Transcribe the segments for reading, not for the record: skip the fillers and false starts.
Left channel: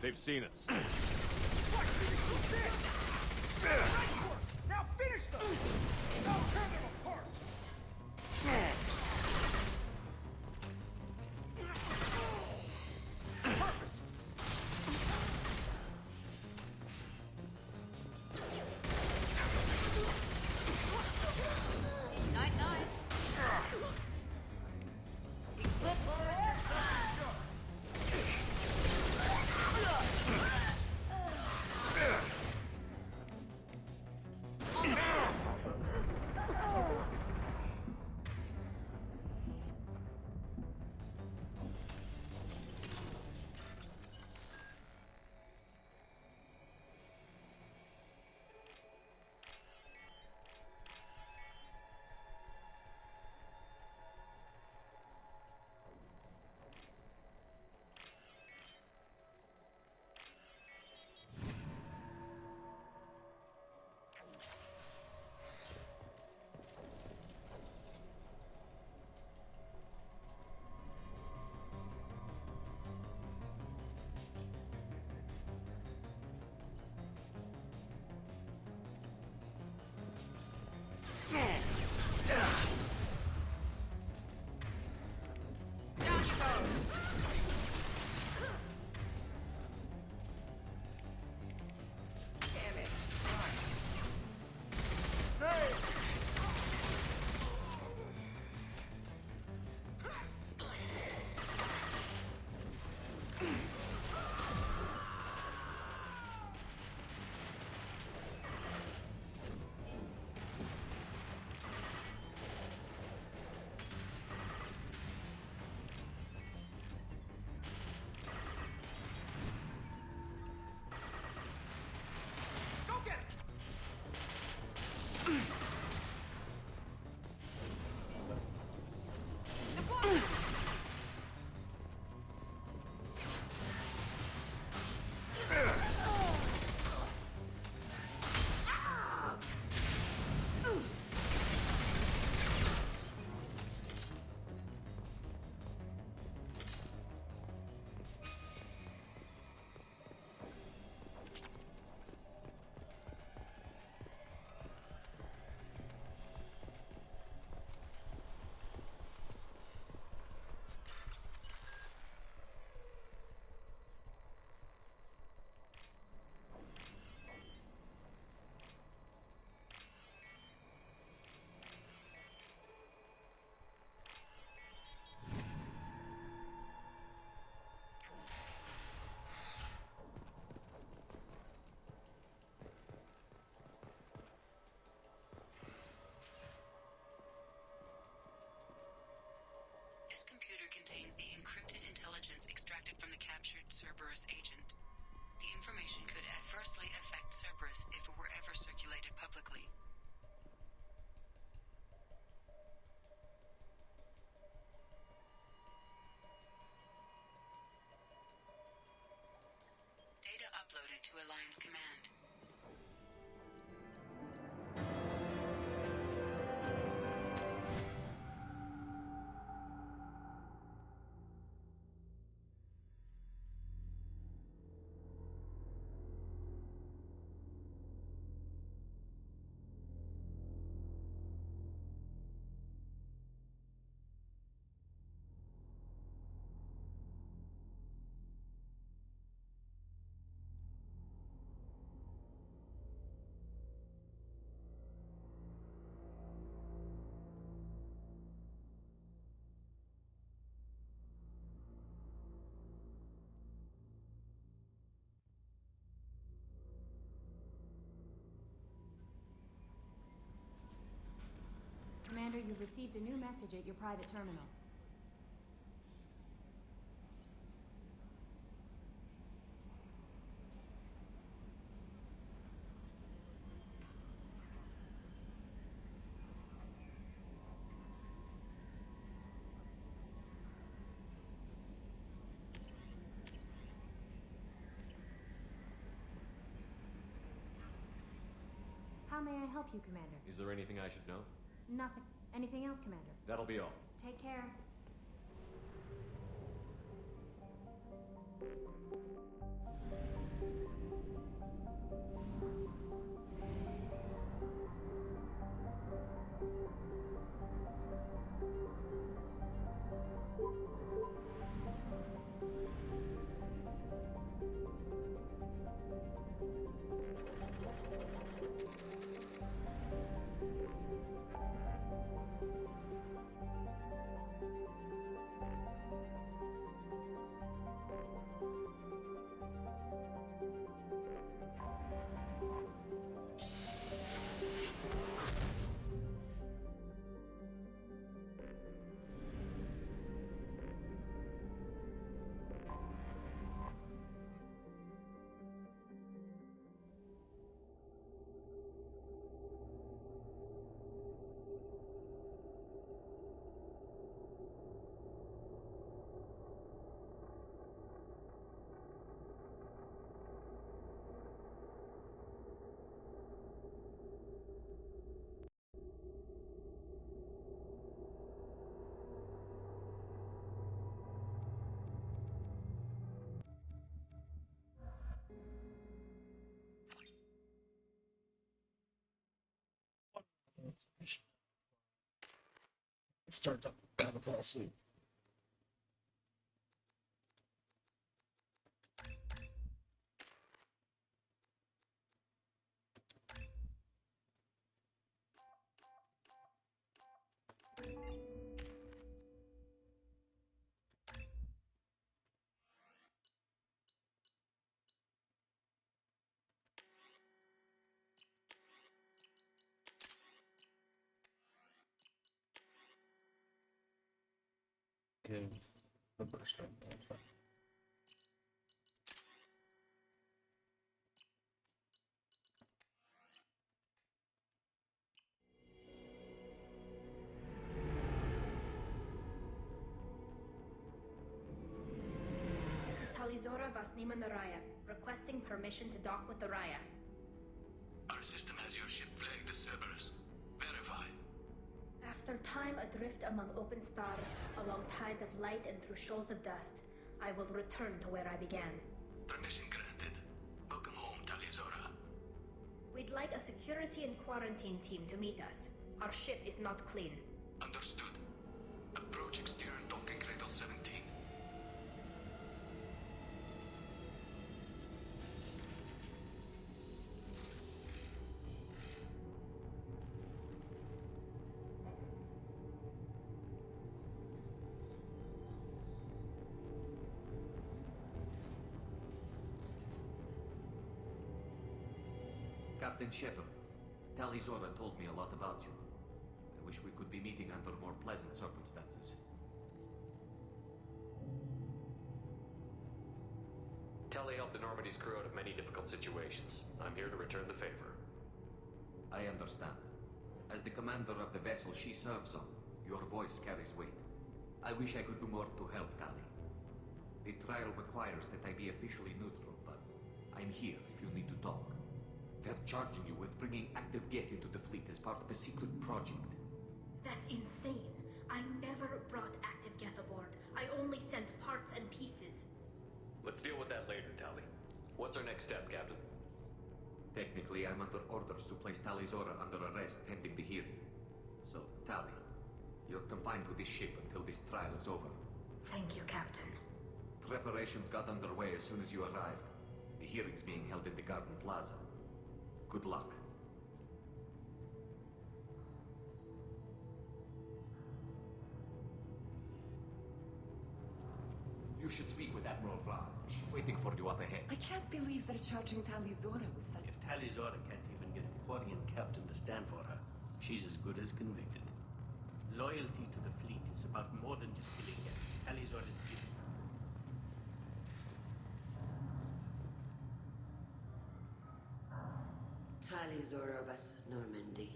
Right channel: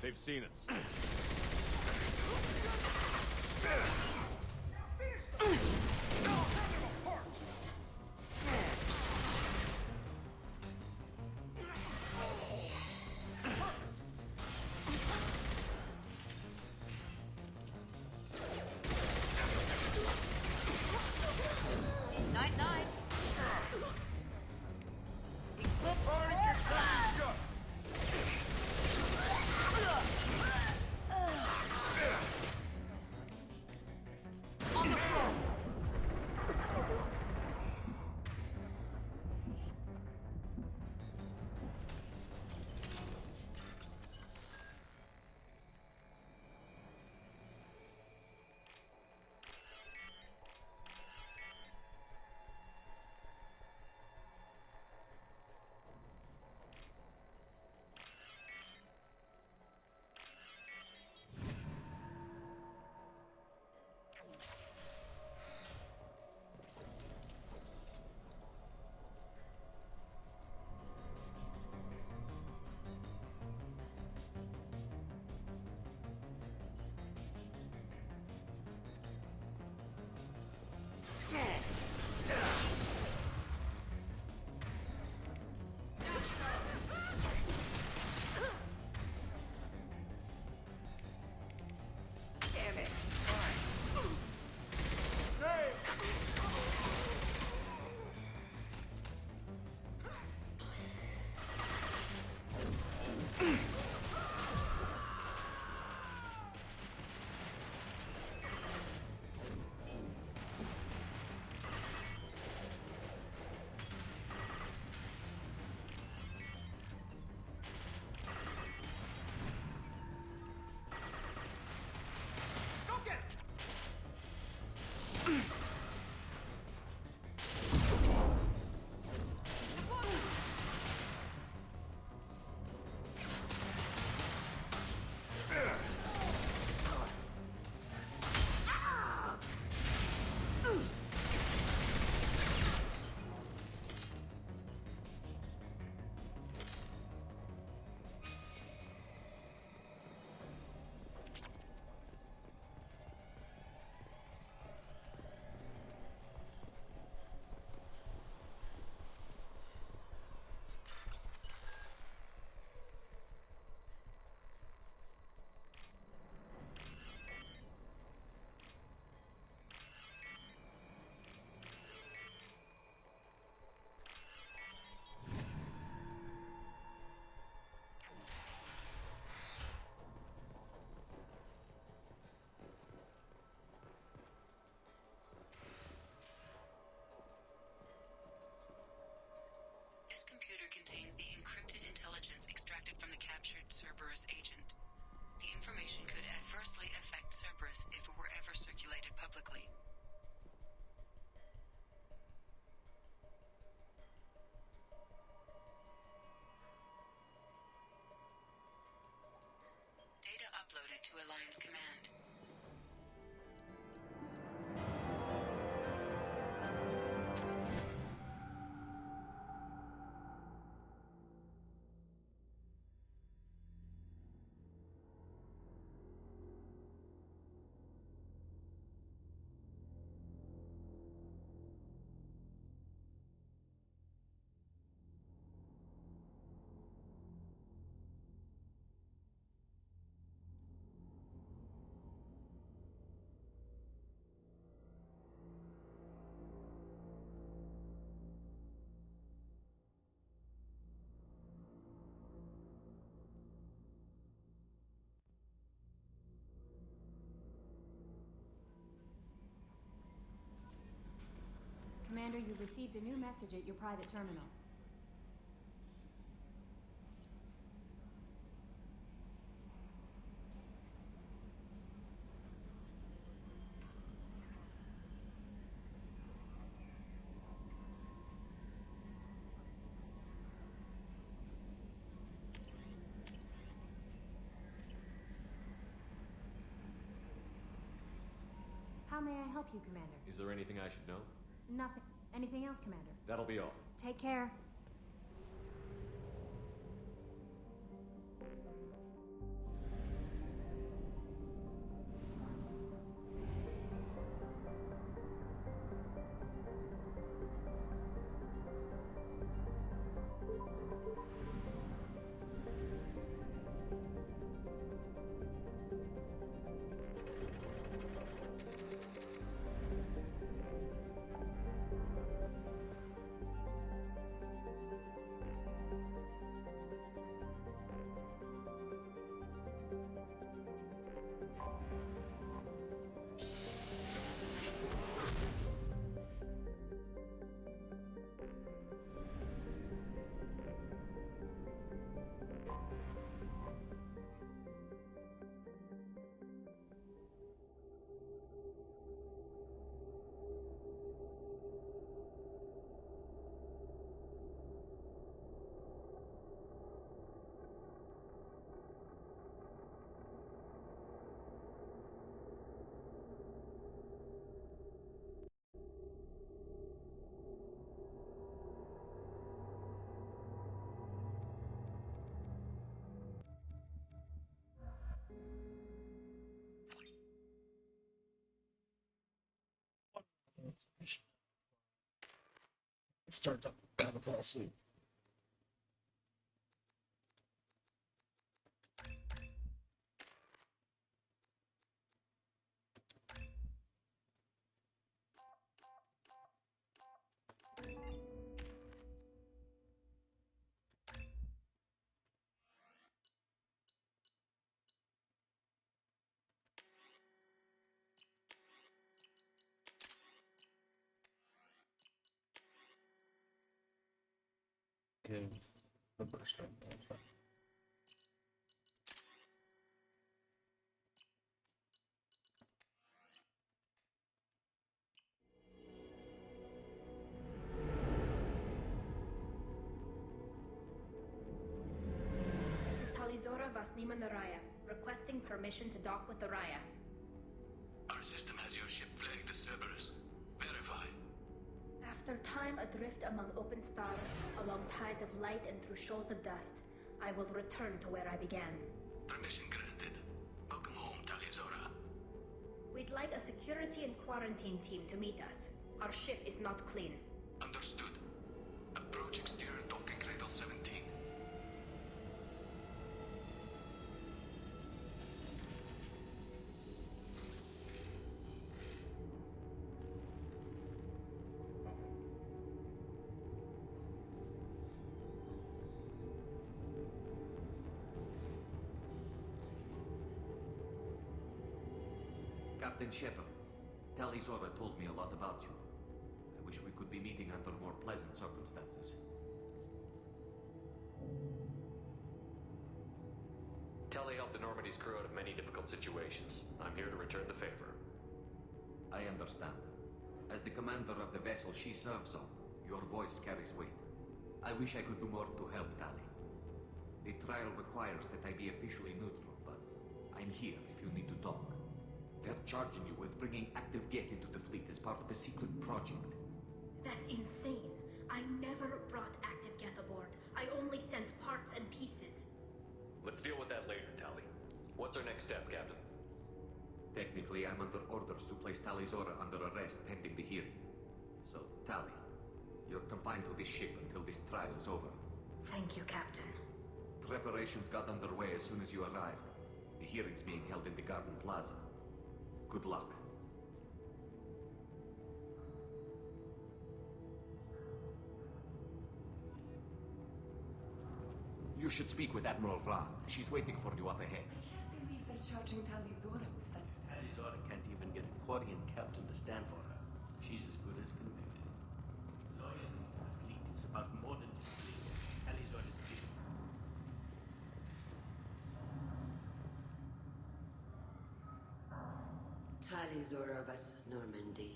They've seen us. Now finish them! Now tear them apart! Perfect! Eclipse! Damn it! This computer contains the encrypted intelligence extracted from the captured Cerberus agent. The information could adversely affect Cerberus if it were ever circulated publicly. Data uploaded to Alliance Command. Commander, you've received a new message at your private terminal. How may I help you, Commander? Is there anything I should know? Nothing. Anything else, Commander? That'll be all. Take care. Start to kind of fall asleep. Give the burst on that. This is Talizora Vasnima Naraya, requesting permission to dock with the Raya. Our system has your ship flagged as Cerberus. Verify. After time adrift among open stars, along tides of light and through shoals of dust, I will return to where I began. Permission granted. Welcome home, Talizora. We'd like a security and quarantine team to meet us. Our ship is not clean. Understood. Approach exterior docking cradle 17. Captain Shepard, Talizora told me a lot about you. I wish we could be meeting under more pleasant circumstances. Tali helped the Normandy's crew out of many difficult situations. I'm here to return the favor. I understand. As the commander of the vessel she serves on, your voice carries weight. I wish I could do more to help Tali. The trial requires that I be officially neutral, but I'm here if you need to talk. They're charging you with bringing active Geth into the fleet as part of a secret project. That's insane. I never brought active Geth aboard. I only sent parts and pieces. Let's deal with that later, Tali. What's our next step, Captain? Technically, I'm under orders to place Talizora under arrest pending the hearing. So, Tali, you're confined to this ship until this trial is over. Thank you, Captain. Preparations got underway as soon as you arrived. The hearing's being held in the Garden Plaza. Good luck. You should speak with Admiral Ran. She's waiting for you up ahead. I can't believe they're charging Talizora. If Talizora can't even get a Quarian captain to stand for her, she's as good as convicted. Loyalty to the fleet is about more than Talizora Vas Normandy.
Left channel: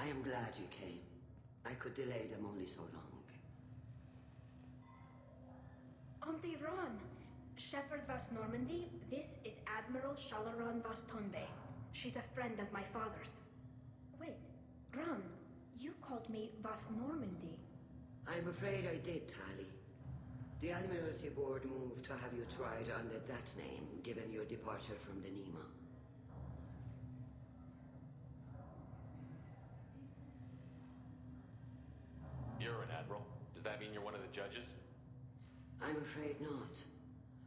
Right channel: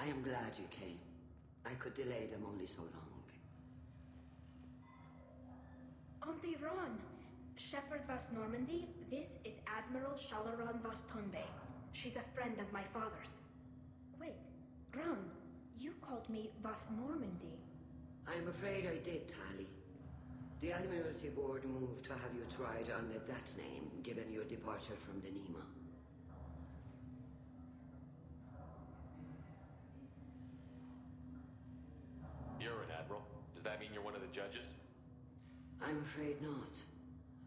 I am glad you came. I could delay them only so long. Auntie Ron! Shepard Vas Normandy, this is Admiral Shalaran Vas Tonbe. She's a friend of my father's. Wait, Ron, you called me Vas Normandy. I'm afraid I did, Tali. The Admiralty Board moved to have you tried under that name, given your departure from the Nima. You're an admiral. Does that mean you're one of the judges? I'm afraid not.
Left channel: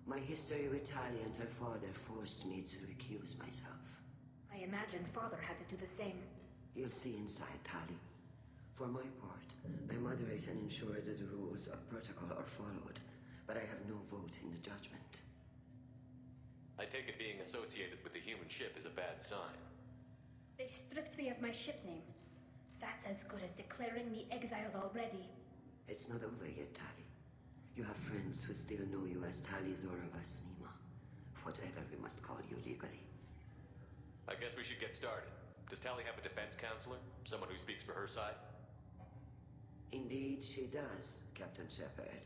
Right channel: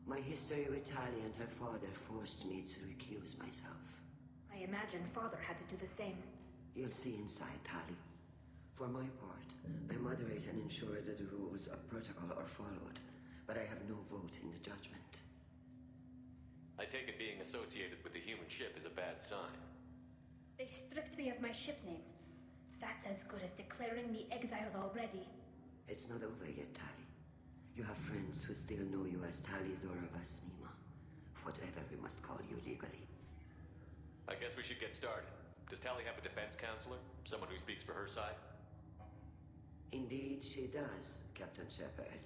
My history with Tali and her father forced me to recuse myself. I imagine Father had to do the same. You'll see inside, Tali. For my part, I moderate and ensure that the rules of protocol are followed, but I have no vote in the judgment. I take it being associated with the human ship is a bad sign. They stripped me of my ship name. That's as good as declaring me exiled already. It's not over yet, Tali. You have friends who still know you as Tali Zora Vasnima. Whatever we must call you legally. I guess we should get started. Does Tali have a defense counselor? Someone who speaks for her side? Indeed, she does, Captain Shepard.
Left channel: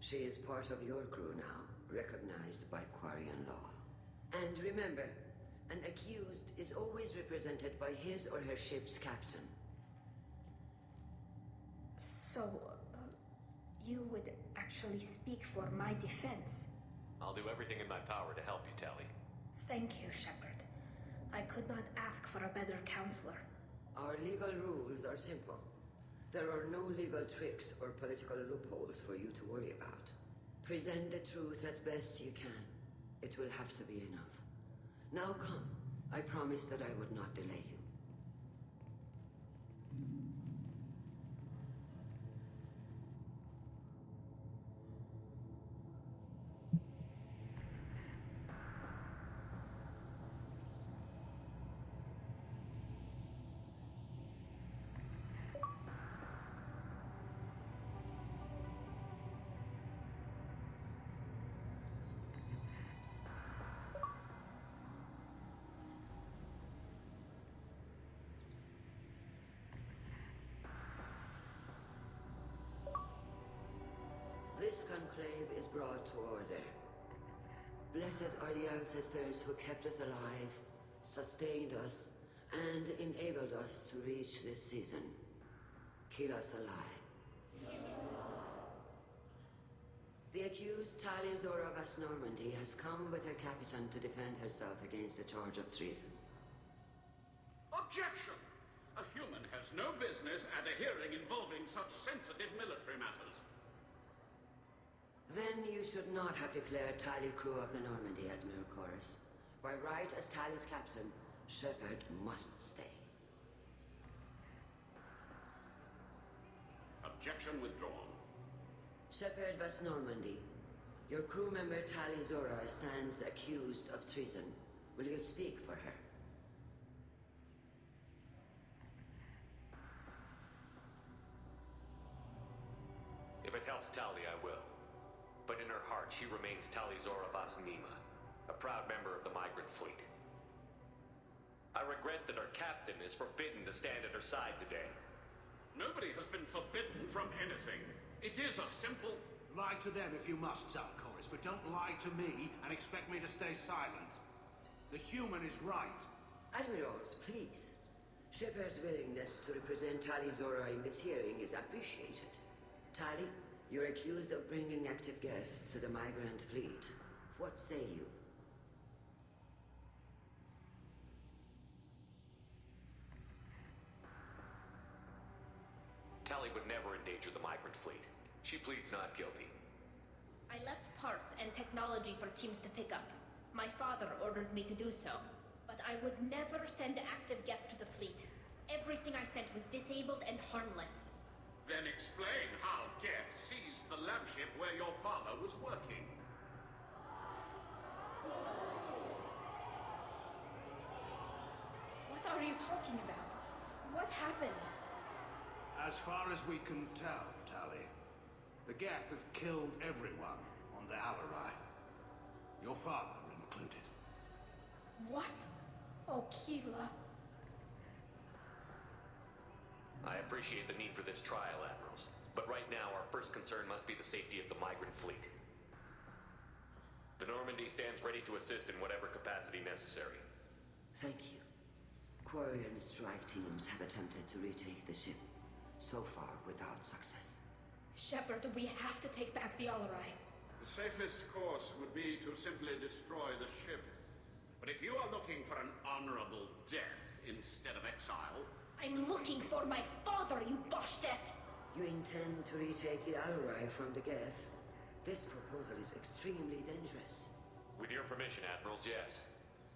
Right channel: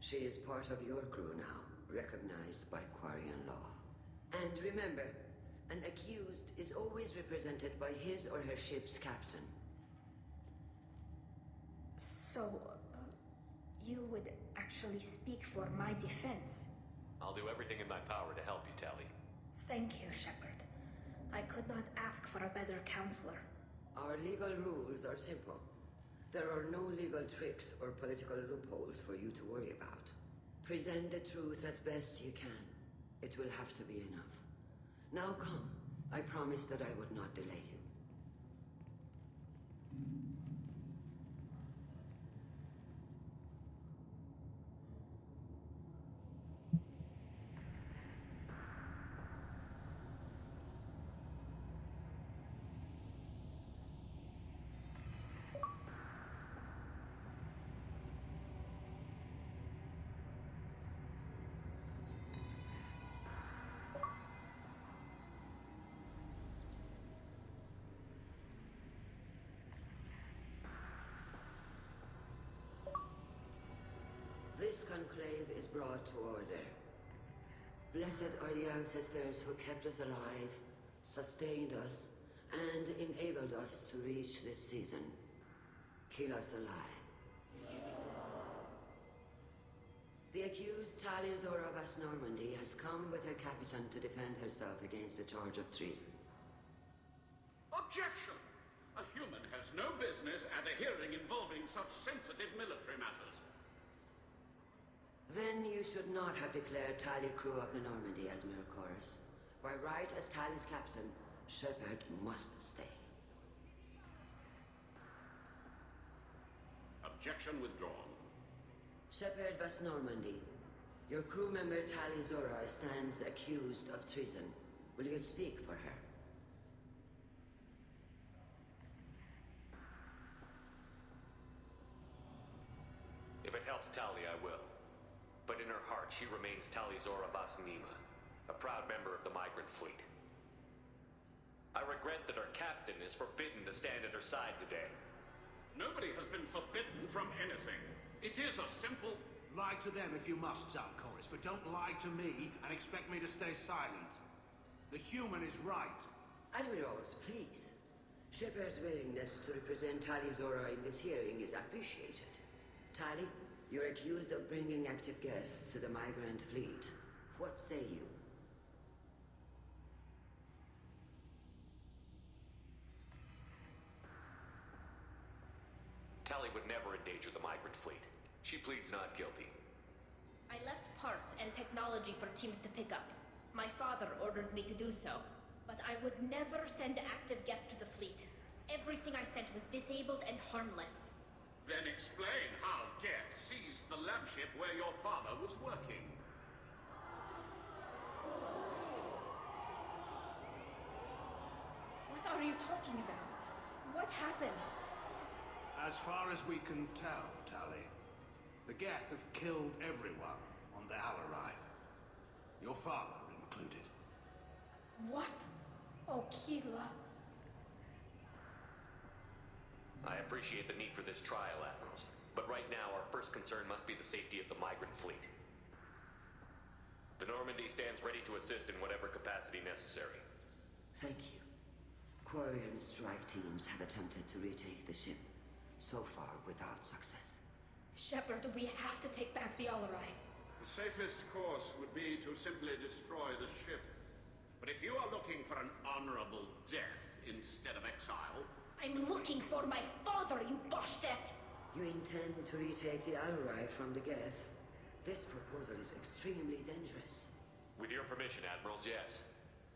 She is part of your crew now, recognized by Quarian law. And remember, an accused is always represented by his or her ship's captain. So, you would actually speak for my defense? I'll do everything in my power to help you, Tali. Thank you, Shepard. I could not ask for a better counselor. Our legal rules are simple. There are no legal tricks or political loopholes for you to worry about. Present the truth as best you can. It will have to be enough. Now come. I promised that I would not delay you. This conclave is brought to order. Blessed are the ancestors who kept us alive, sustained us, and enabled us to reach this season. Kill us alive. The accused Tali Zora Vas Normandy has come with her captain to defend herself against a charge of treason. Objection! A human has no business at a hearing involving such sensitive military matters. Then you should not have declared Tali crew of the Normandy, Admiral Chorus. By right as Tali's captain, Shepard must stay. Objection withdrawn. Shepard Vas Normandy, your crew member Tali Zora stands accused of treason. Will you speak for her? If it helps Tali, I will. But in her heart, she remains Tali Zora Vas Nima, a proud member of the Migrant Fleet. I regret that our captain is forbidden to stand at her side today. Nobody has been forbidden from anything. It is a simple... Lie to them if you must, Zalcoris, but don't lie to me and expect me to stay silent. The human is right. Admirals, please. Shepard's willingness to represent Tali Zora in this hearing is appreciated. Tali, you're accused of bringing active guests to the Migrant Fleet. What say you? Tali would never endanger the Migrant Fleet. She pleads not guilty. I left parts and technology for teams to pick up. My father ordered me to do so. But I would never send active guests to the fleet. Everything I sent was disabled and harmless. Then explain how Geth seized the lab ship where your father was working. What are you talking about? What happened? As far as we can tell, Tali, the Geth have killed everyone on the Alarai. Your father included. What? Oh, Keela. I appreciate the need for this trial, Admirals. But right now, our first concern must be the safety of the Migrant Fleet. The Normandy stands ready to assist in whatever capacity necessary. Thank you. Quarian strike teams have attempted to retake the ship, so far without success. Shepard, we have to take back the Alarai. The safest course would be to simply destroy the ship. But if you are looking for an honorable death instead of exile... I'm looking for my father, you Boshtet! You intend to retake the Alarai from the Geth? This proposal is extremely dangerous. With your permission, Admirals, yes.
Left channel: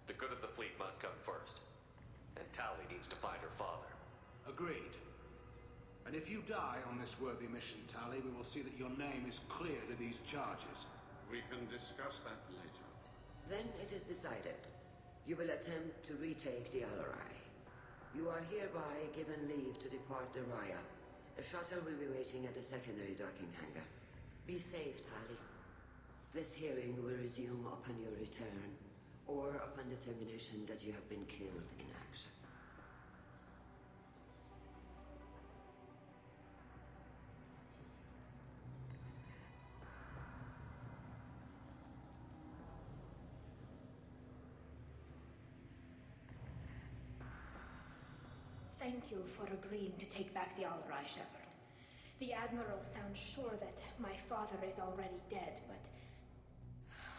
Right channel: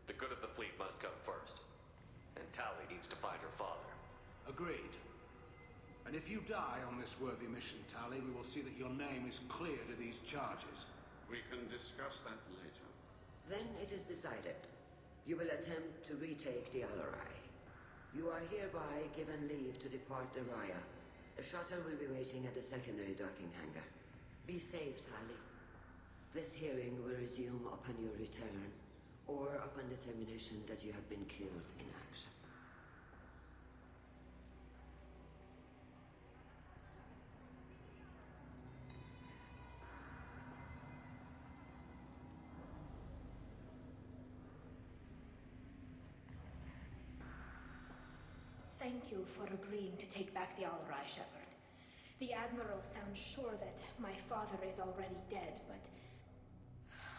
The good of the fleet must come first. And Tali needs to find her father. Agreed. And if you die on this worthy mission, Tali, we will see that your name is cleared of these charges. We can discuss that later. Then it is decided. You will attempt to retake the Alarai. You are hereby given leave to depart the Raya. The shuttle will be waiting at the secondary docking hangar. Be safe, Tali. This hearing will resume upon your return, or upon determination that you have been killed in action. Thank you for agreeing to take back the Alarai, Shepard. The Admiral sounds sure that my father is already dead, but...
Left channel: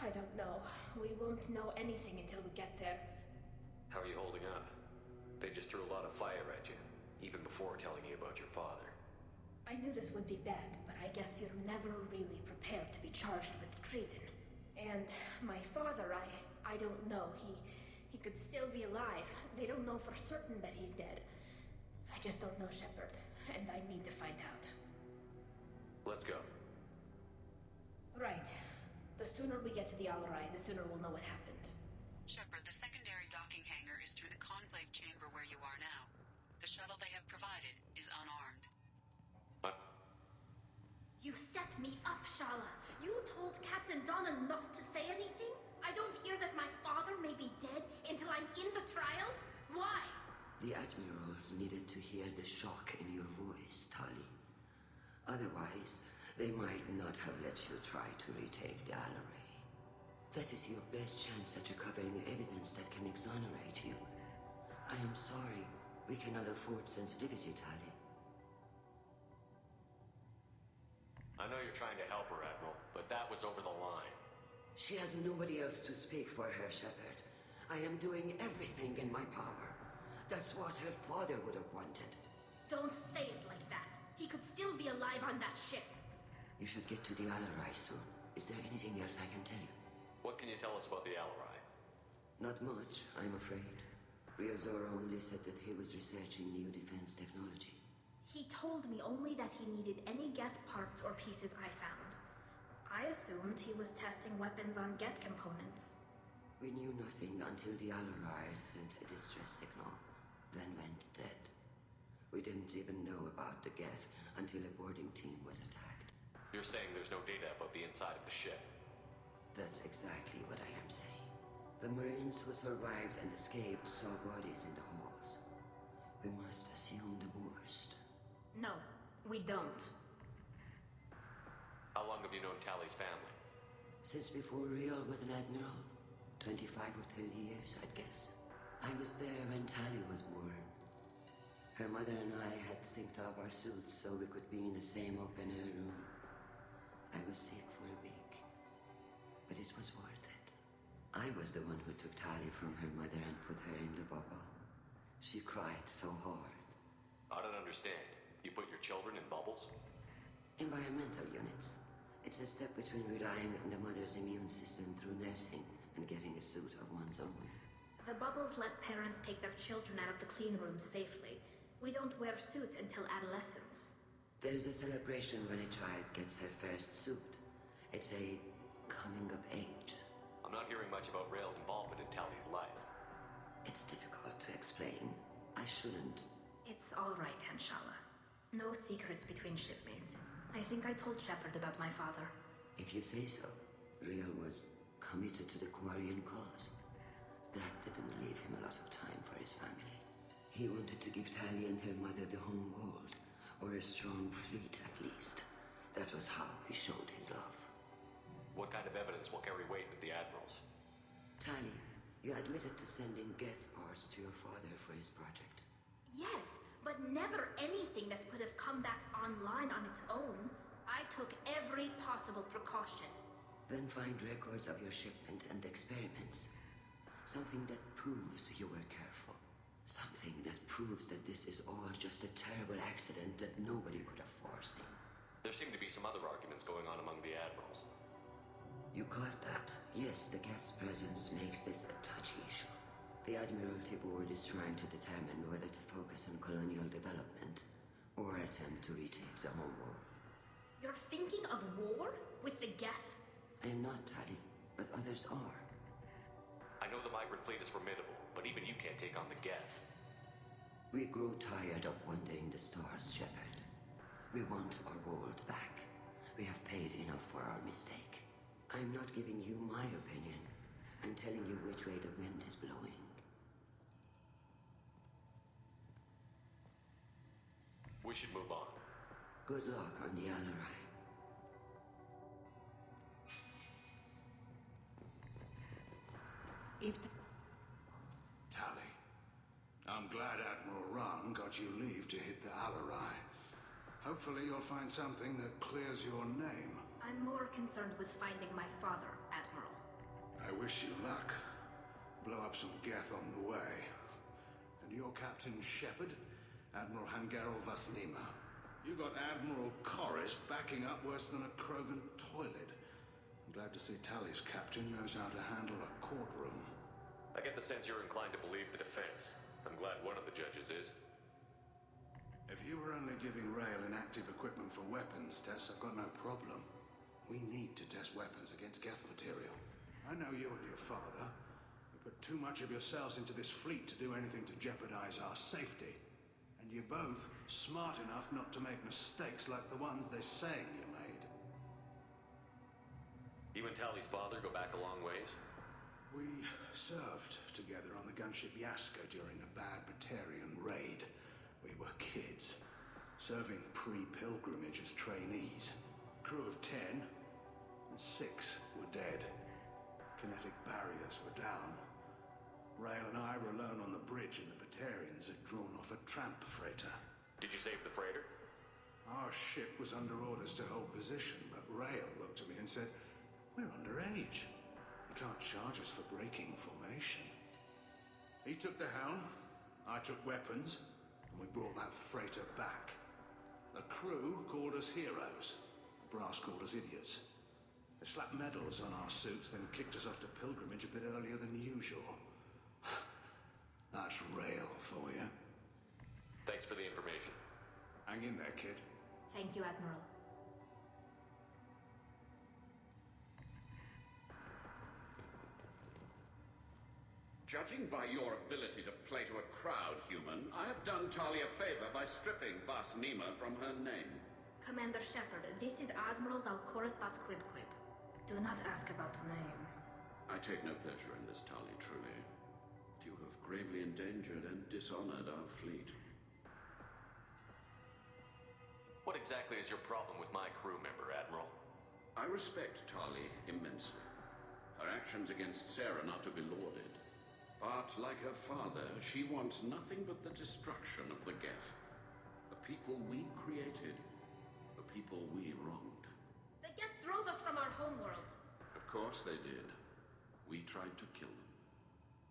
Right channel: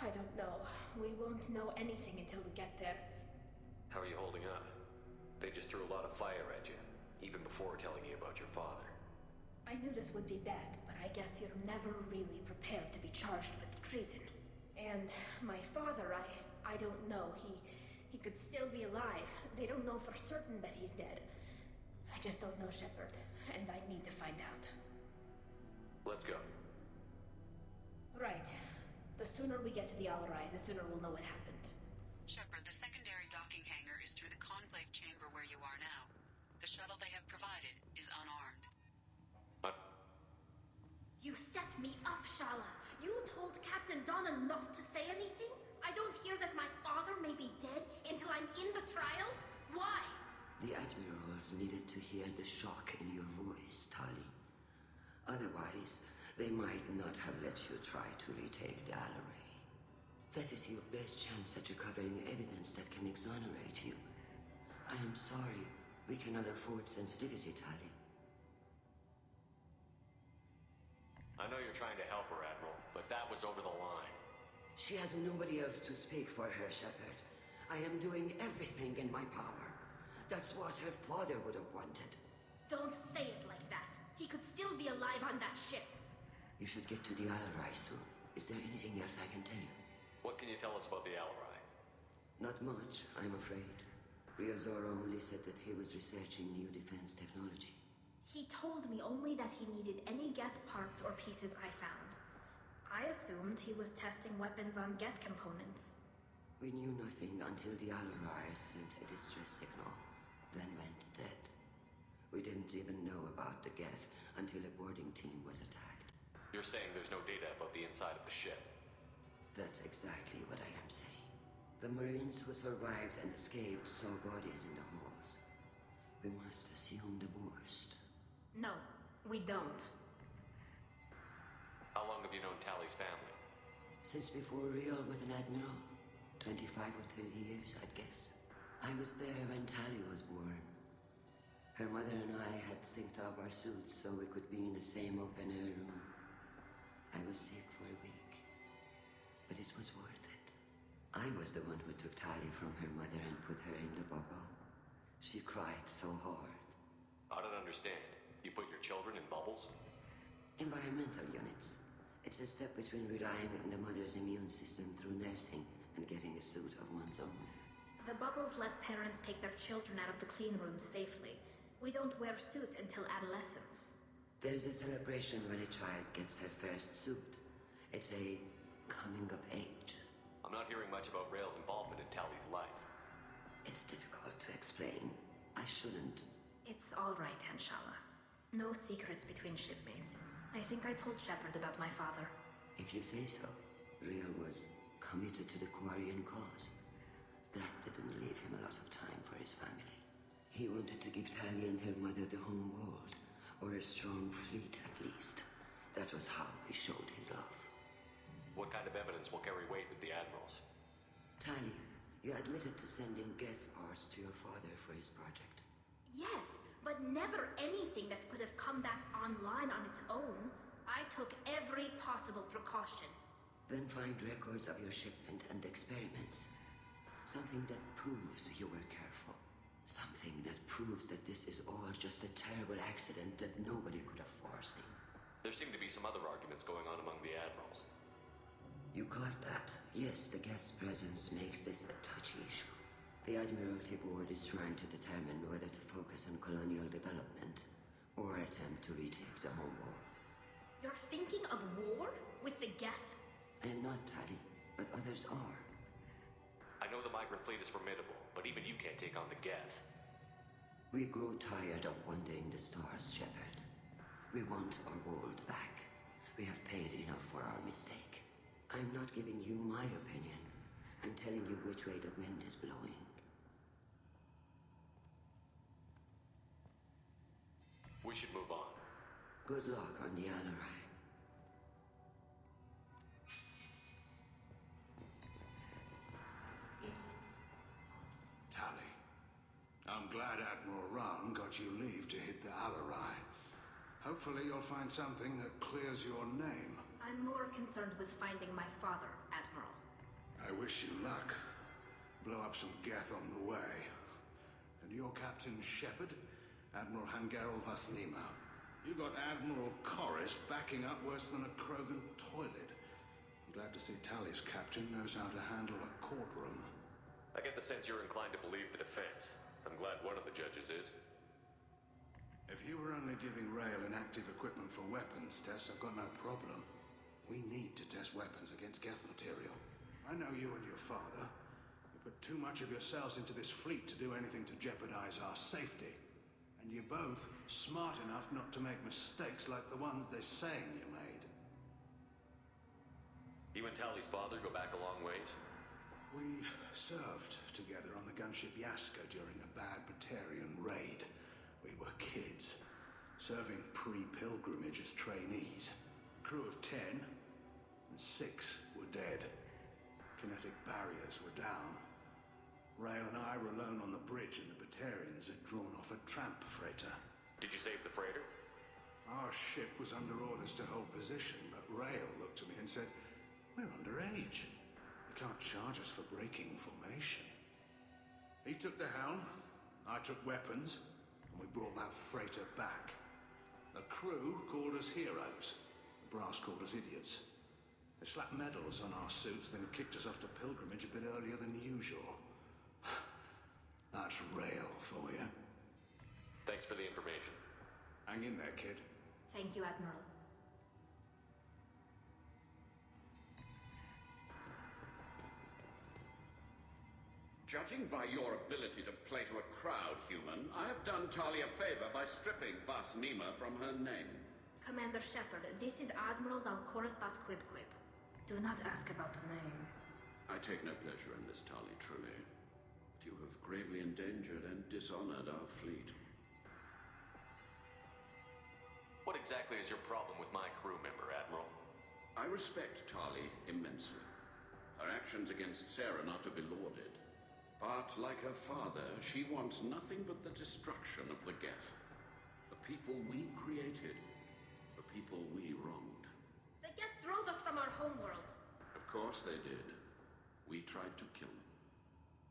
I don't know. We won't know anything until we get there. How are you holding up? They just threw a lot of fire at you, even before telling you about your father. I knew this would be bad, but I guess you're never really prepared to be charged with treason. And my father, I don't know. He could still be alive. They don't know for certain that he's dead. I just don't know, Shepard, and I need to find out. Let's go. Right. The sooner we get to the Alarai, the sooner we'll know what happened. Shepard, the secondary docking hangar is through the conclave chamber where you are now. The shuttle they have provided is unarmed. You set me up, Shala. You told Captain Donna not to say anything? I don't hear that my father may be dead until I'm in the trial? Why? The Admirals needed to hear the shock in your voice, Tali. Otherwise, they might not have let you try to retake the Alarai. That is your best chance at recovering evidence that can exonerate you. I am sorry. We cannot afford sensitivity, Tali. I know you're trying to help her, Admiral, but that was over the line. She has nobody else to speak for her, Shepard. I am doing everything in my power. That's what her father would have wanted. Don't say it like that. He could still be alive on that ship. You should get to the Alarai soon. Is there anything else I can tell you? What can you tell us about the Alarai? Not much, I'm afraid. Rio Zoro only said that he was researching new defense technology. He told me only that he needed any Geth parts or pieces I found. I assumed he was testing weapons on Geth components. We knew nothing until the Alarai sent a distress signal, then went dead. We didn't even know about the Geth until a boarding team was attacked. You're saying there's no data about the inside of the ship? That's exactly what I am saying. The Marines who survived and escaped saw bodies in the halls. We must assume the worst. No, we don't. How long have you known Tali's family? Since before Rio was an admiral. 25 or 30 years, I'd guess. I was there when Tali was born. Her mother and I had synced up our suits so we could be in the same open-air room. I was sick for a week, but it was worth it. I was the one who took Tali from her mother and put her in the bubble. She cried so hard. I don't understand. You put your children in bubbles? Environmental units. It's a step between relying on the mother's immune system through nursing and getting a suit of one's own. The bubbles let parents take their children out of the clean rooms safely. We don't wear suits until adolescence. There's a celebration when a child gets her first suit. It's a coming of age. I'm not hearing much about Rail's involvement in Tali's life. It's difficult to explain. I shouldn't. It's all right, Anshala. No secrets between shipmates. I think I told Shepard about my father. If you say so. Rail was committed to the Quarian cause. That didn't leave him a lot of time for his family. He wanted to give Tali and her mother the home world, or a strong fleet at least. That was how he showed his love. What kind of evidence will carry weight with the Admirals? Tali, you admitted to sending Geth parts to your father for his project. Yes, but never anything that could have come back online on its own. I took every possible precaution. Then find records of your shipment and experiments. Something that proves you were careful. Something that proves that this is all just a terrible accident that nobody could have foreseen. There seem to be some other arguments going on among the admirals. You caught that? Yes, the guest's presence makes this a touchy issue. The Admiralty Board is trying to determine whether to focus on colonial development or attempt to retake the home world. You're thinking of war? With the Geth? I am not, Tali, but others are. I know the Migrant Fleet is formidable, but even you can't take on the Geth. We grow tired of wandering the stars, Shepard. We want our world back. We have paid enough for our mistake. I'm not giving you my opinion. I'm telling you which way the wind is blowing. We should move on. Good luck on the Alarai. Tali, I'm glad Admiral Rahn got you leave to hit the Alarai. Hopefully you'll find something that clears your name. I'm more concerned with finding my father, Admiral. I wish you luck. Blow up some Geth on the way. And your Captain Shepard? Admiral Hangarel Vasnima. You got Admiral Corris backing up worse than a Krogan toilet. I'm glad to see Tali's captain knows how to handle a courtroom. I get the sense you're inclined to believe the defense. I'm glad one of the judges is. If you were only giving Rail inactive equipment for weapons tests, I've got no problem. We need to test weapons against Geth material. I know you and your father. You put too much of yourselves into this fleet to do anything to jeopardize our safety. And you're both smart enough not to make mistakes like the ones they're saying you made. You and Tali's father go back a long ways? We served together on the gunship Yaska during a bad Batarian raid. We were kids, serving pre-pilgrimage as trainees. Crew of 10, and 6 were dead. Kinetic barriers were down. Rail and I were alone on the bridge, and the Batarians had drawn off a tramp freighter. Did you save the freighter? Our ship was under orders to hold position, but Rail looked at me and said, "We're underage. You can't charge us for breaking formation." He took the helm, I took weapons, and we brought that freighter back. The crew called us heroes. The brass called us idiots. They slapped medals on our suits, then kicked us off to pilgrimage a bit earlier than usual. That's Rail for you. Thanks for the information. Hang in there, kid. Thank you, Admiral. Judging by your ability to play to a crowd, human, I have done Tali a favor by stripping Vasnima from her name. Commander Shepard, this is Admiral Zalkoris Vasquibquib. Do not ask about the name. I take no pleasure in this, Tali, truly. But you have gravely endangered and dishonored our fleet. What exactly is your problem with my crew member, Admiral? I respect Tali immensely. Her actions against Saren are to be lauded. But, like her father, she wants nothing but the destruction of the Geth. The people we created. The people we wronged. The Geth drove us from our homeworld. Of course they did. We tried to kill them.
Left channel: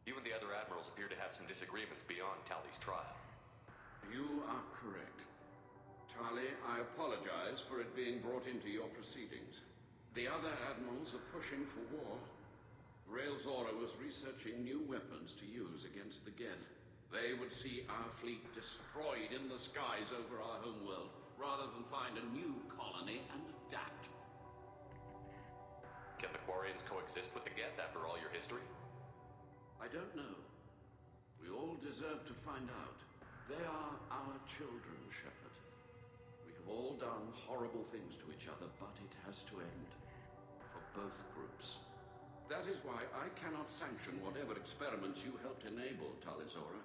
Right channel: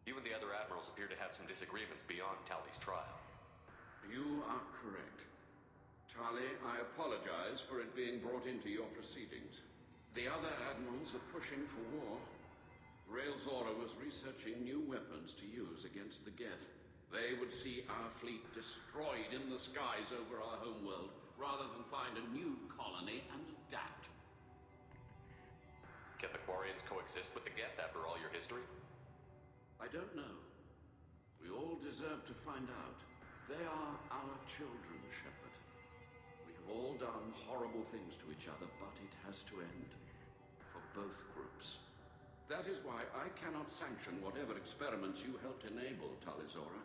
You and the other admirals appear to have some disagreements beyond Tali's trial. You are correct. Tali, I apologize for it being brought into your proceedings. The other admirals are pushing for war. Rail Zora was researching new weapons to use against the Geth. They would see our fleet destroyed in the skies over our homeworld, rather than find a new colony and adapt. Can the Quarians coexist with the Geth after all your history? I don't know. We all deserve to find out. They are our children, Shepard. We have all done horrible things to each other, but it has to end. For both groups. That is why I cannot sanction whatever experiments you helped enable, Tali Zora.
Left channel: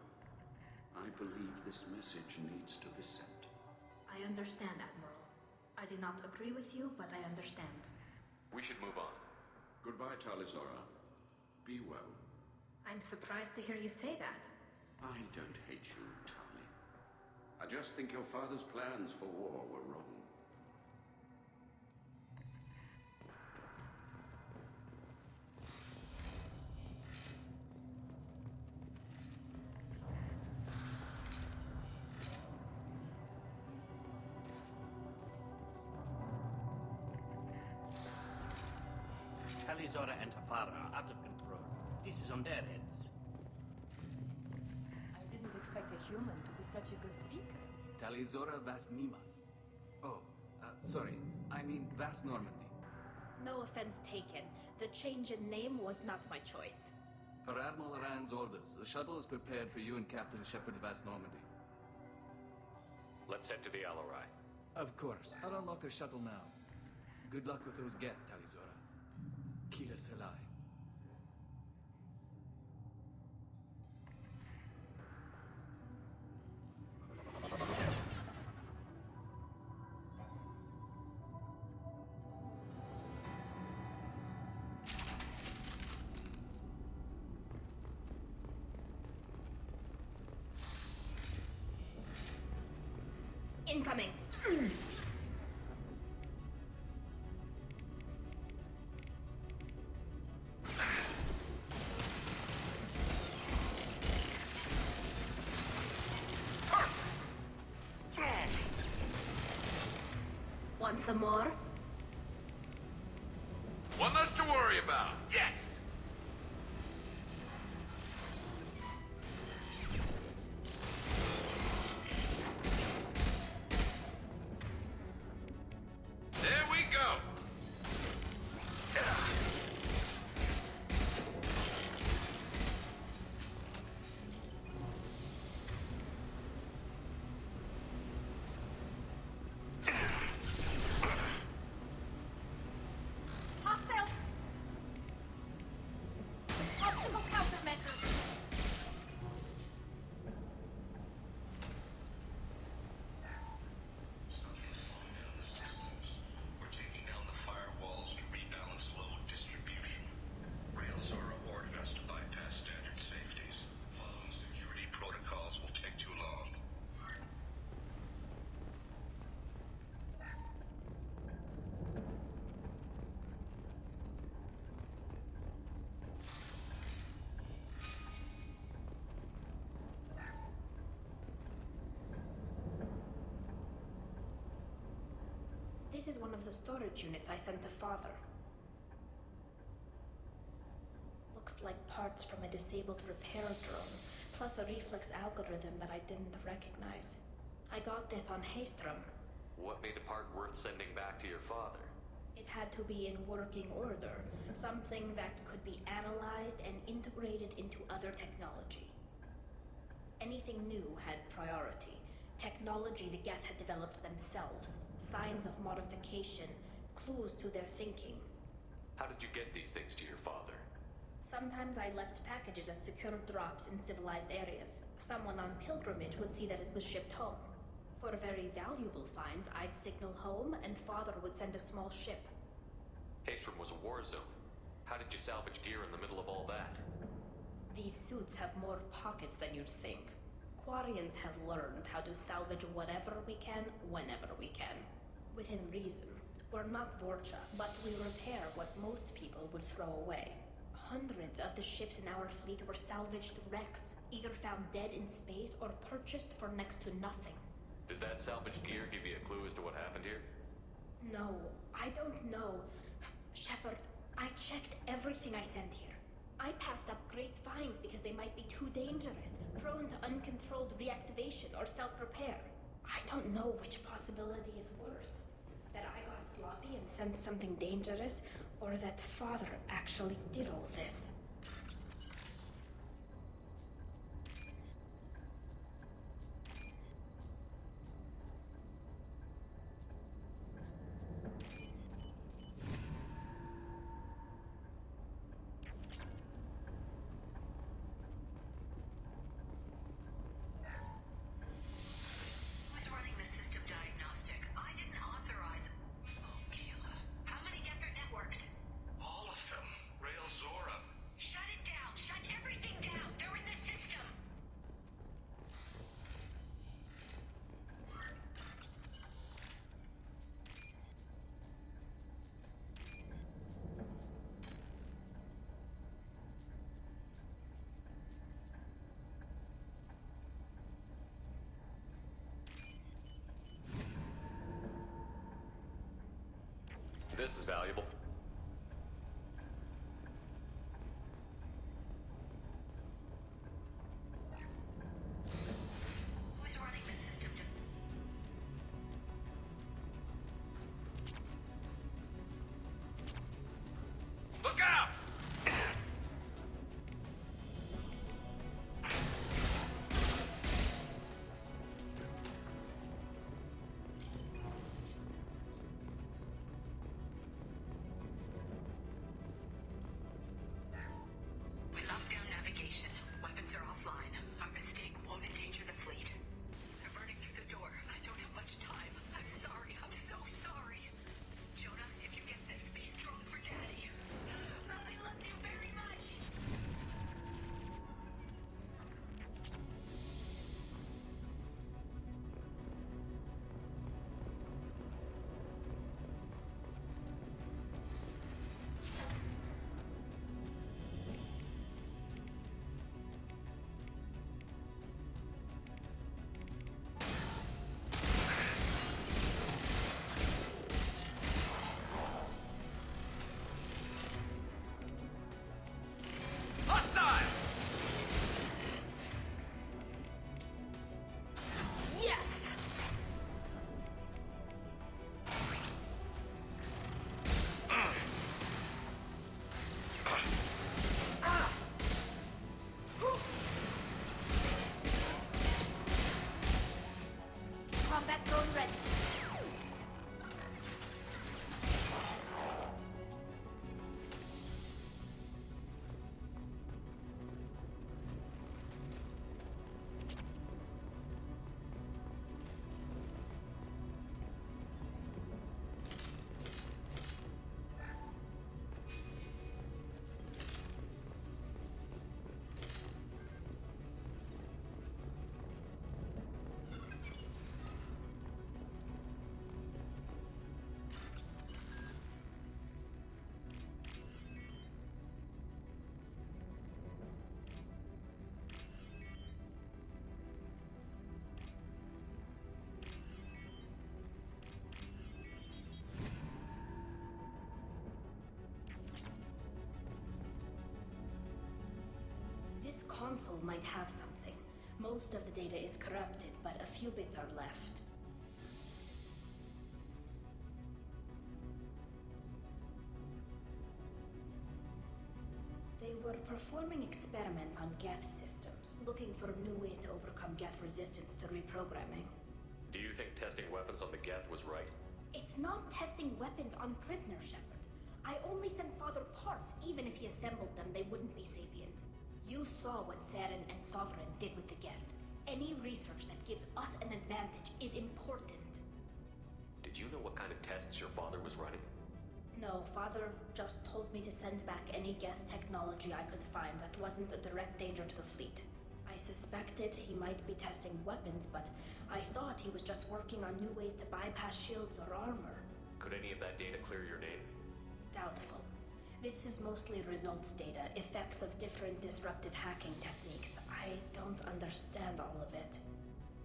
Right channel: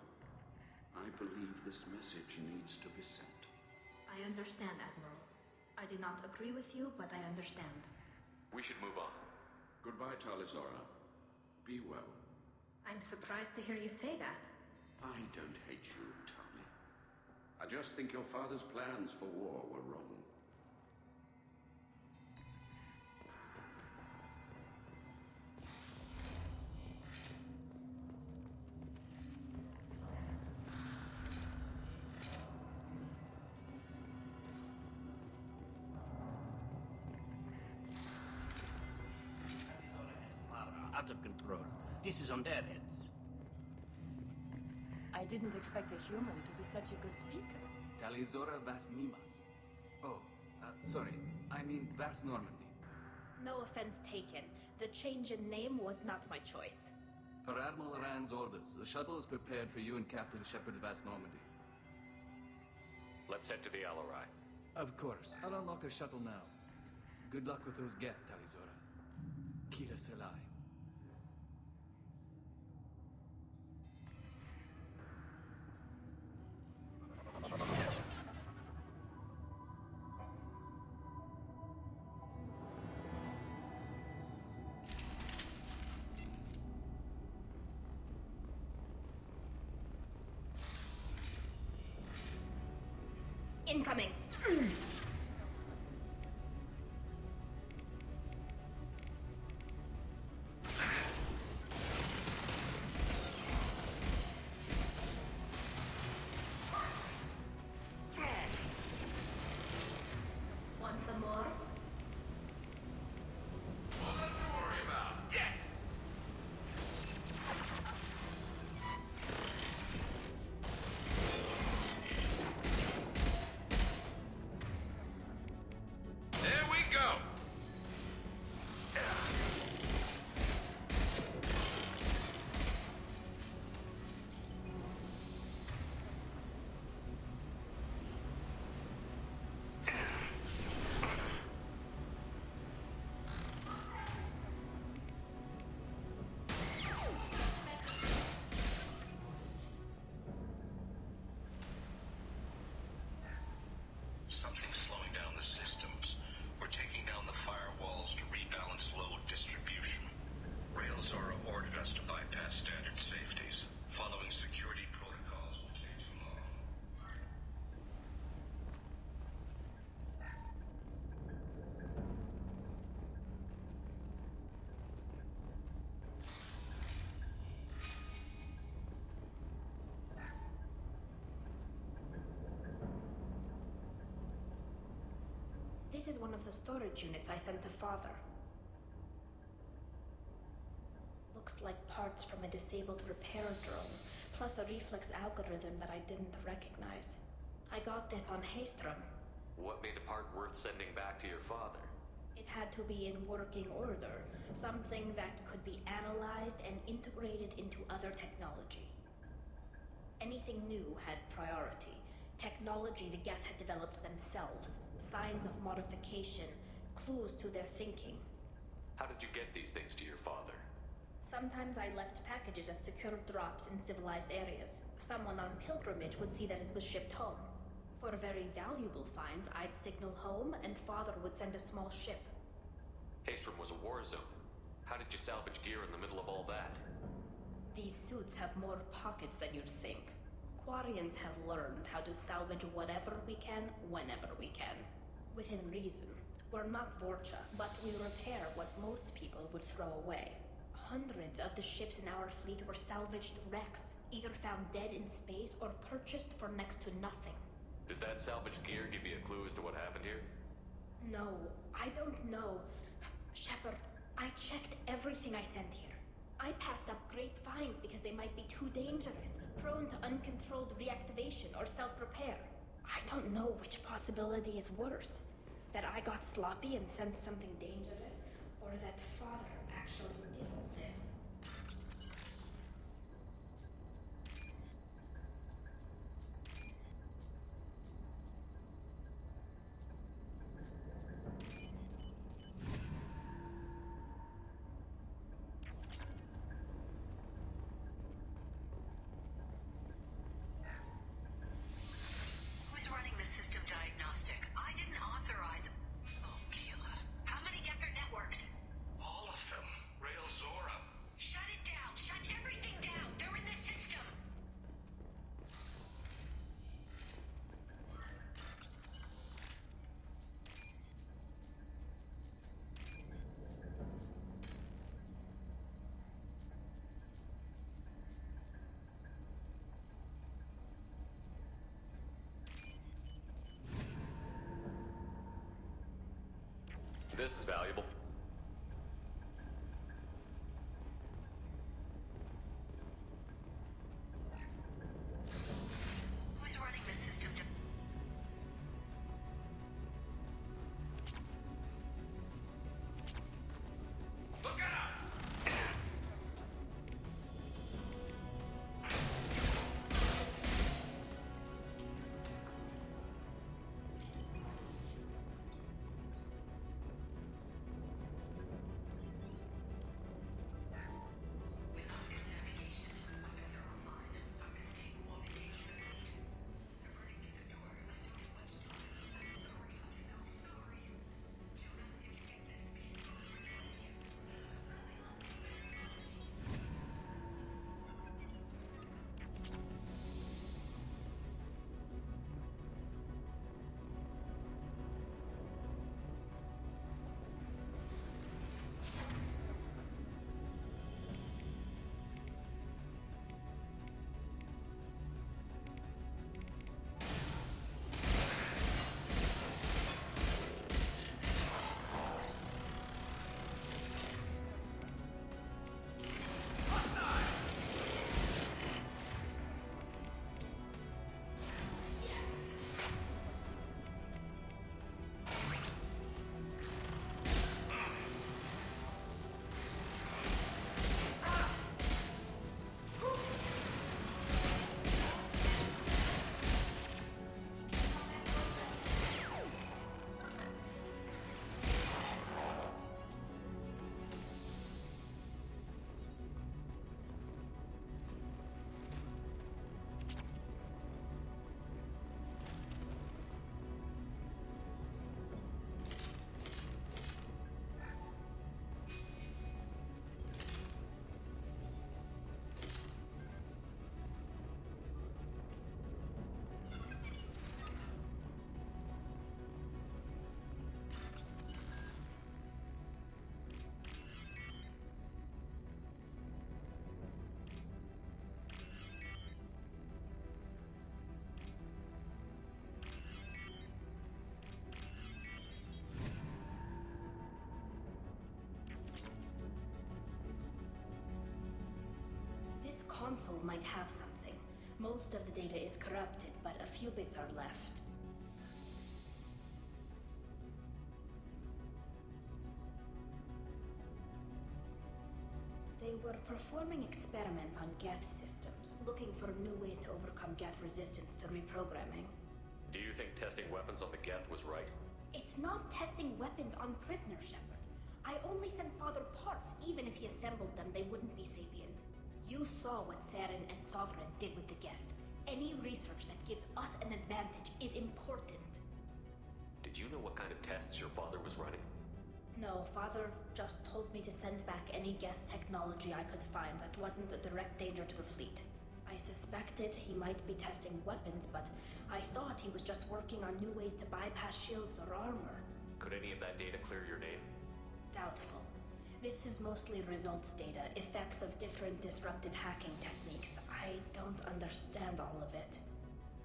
I believe this message needs to be sent. I understand, Admiral. I do not agree with you, but I understand. We should move on. Goodbye, Tali Zora. Be well. I'm surprised to hear you say that. I don't hate you, Tali. I just think your father's plans for war were wrong. Starfara out of control. This is on their heads. I didn't expect Talizora Vas Nima. Oh, sorry. I mean Vas Normandy. No offense taken. The change in name was not my choice. Per Admiral Rand's orders, the shuttle is prepared for you and Captain Shepard Vas Normandy. Let's head to the Alarai. Of course. I'll unlock the shuttle now. Good luck with those Geth, Talizora. Kila Selai. Want some more? One less to worry about. Yes. Something's slowing down the systems. We're taking down the firewalls to rebalance load distribution. Railzora ordered us to bypass standard safeties. Following security protocols will take too long. This is one of the storage units I sent to Father. Looks like parts from a disabled repair drone, plus a reflex algorithm that I didn't recognize. I got this on Haystrom. What made a part worth sending back to your father? It had to be in working order, something that could be analyzed and integrated into other technology. Anything new had priority. Technology the Geth had developed themselves, signs of modification, clues to their thinking. How did you get these things to your father? Sometimes I left packages at secure drops in civilized areas. Someone on pilgrimage would see that it was shipped home. For very valuable finds, I'd signal home, and Father would send a small ship. Haystrom was a war zone. How did you salvage gear in the middle of all that? These suits have more pockets than you'd think. Quarians have learned how to salvage whatever we can, whenever we can. Within reason. We're not Vorcha, but we repair what most people would throw away. Hundreds of the ships in our fleet were salvaged wrecks, either found dead in space or purchased for next to nothing. Does that salvaged gear give you a clue as to what happened here? No, I don't know. Shepard, I checked everything I sent here. I passed up great finds because they might be too dangerous, prone to uncontrolled reactivation or self-repair. I don't know which possibility is worse. That I got sloppy and sent something dangerous, or that Father actually did all this. Who's running the system diagnostic? I didn't authorize. Oh, Keela. How many get their networked? All of them. Railzora. Shut it down. Shut everything down. They're in the system. This is valuable. console might have something. Most of the data is corrupted, but a few bits are left. They were performing experiments on Geth systems, looking for new ways to overcome Geth resistance to reprogramming. Do you think testing weapons on the Geth was right? It's not testing weapons on prisoners, Shepard. I only sent Father parts. Even if he assembled them, they wouldn't be sapient. You saw what Saren and Sovereign did with the Geth. Any research that gives us an advantage is important. Did you know what kind of tests your father was running? No, Father just told me to send back any Geth technology I could find that wasn't a direct danger to the fleet. I suspected he might be testing weapons, but I thought he was just working on new ways to bypass shields or armor. Could any of that data clear your name? Doubtful. This is mostly results data, effects of different disruptive hacking techniques. I don't understand all of it.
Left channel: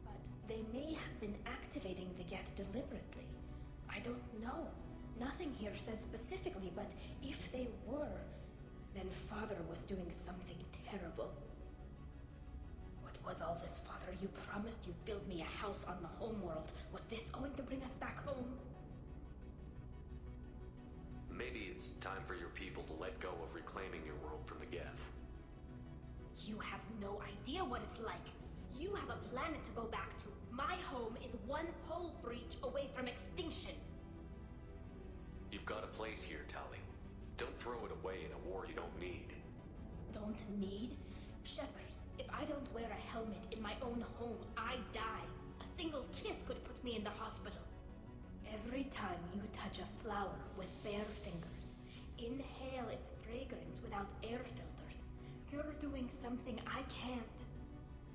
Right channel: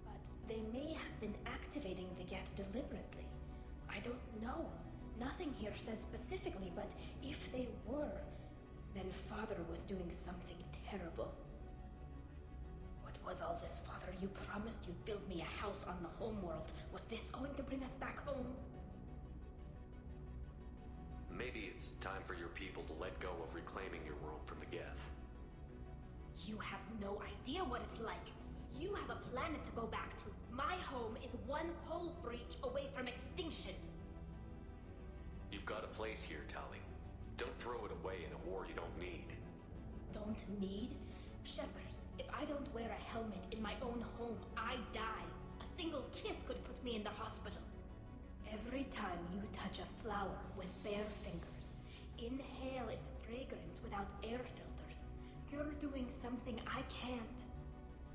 But they may have been activating the Geth deliberately. I don't know. Nothing here says specifically, but if they were, then Father was doing something terrible. What was all this, Father? You promised you'd build me a house on the homeworld. Was this going to bring us back home? Maybe it's time for your people to let go of reclaiming your world from the Geth. You have no idea what it's like. You have a planet to go back to. My home is one hull breach away from extinction. You've got a place here, Tali. Don't throw it away in a war you don't need. Don't need? Shepard, if I don't wear a helmet in my own home, I die. A single kiss could put me in the hospital. Every time you touch a flower with bare fingers, inhale its fragrance without air filters, you're doing something I can't.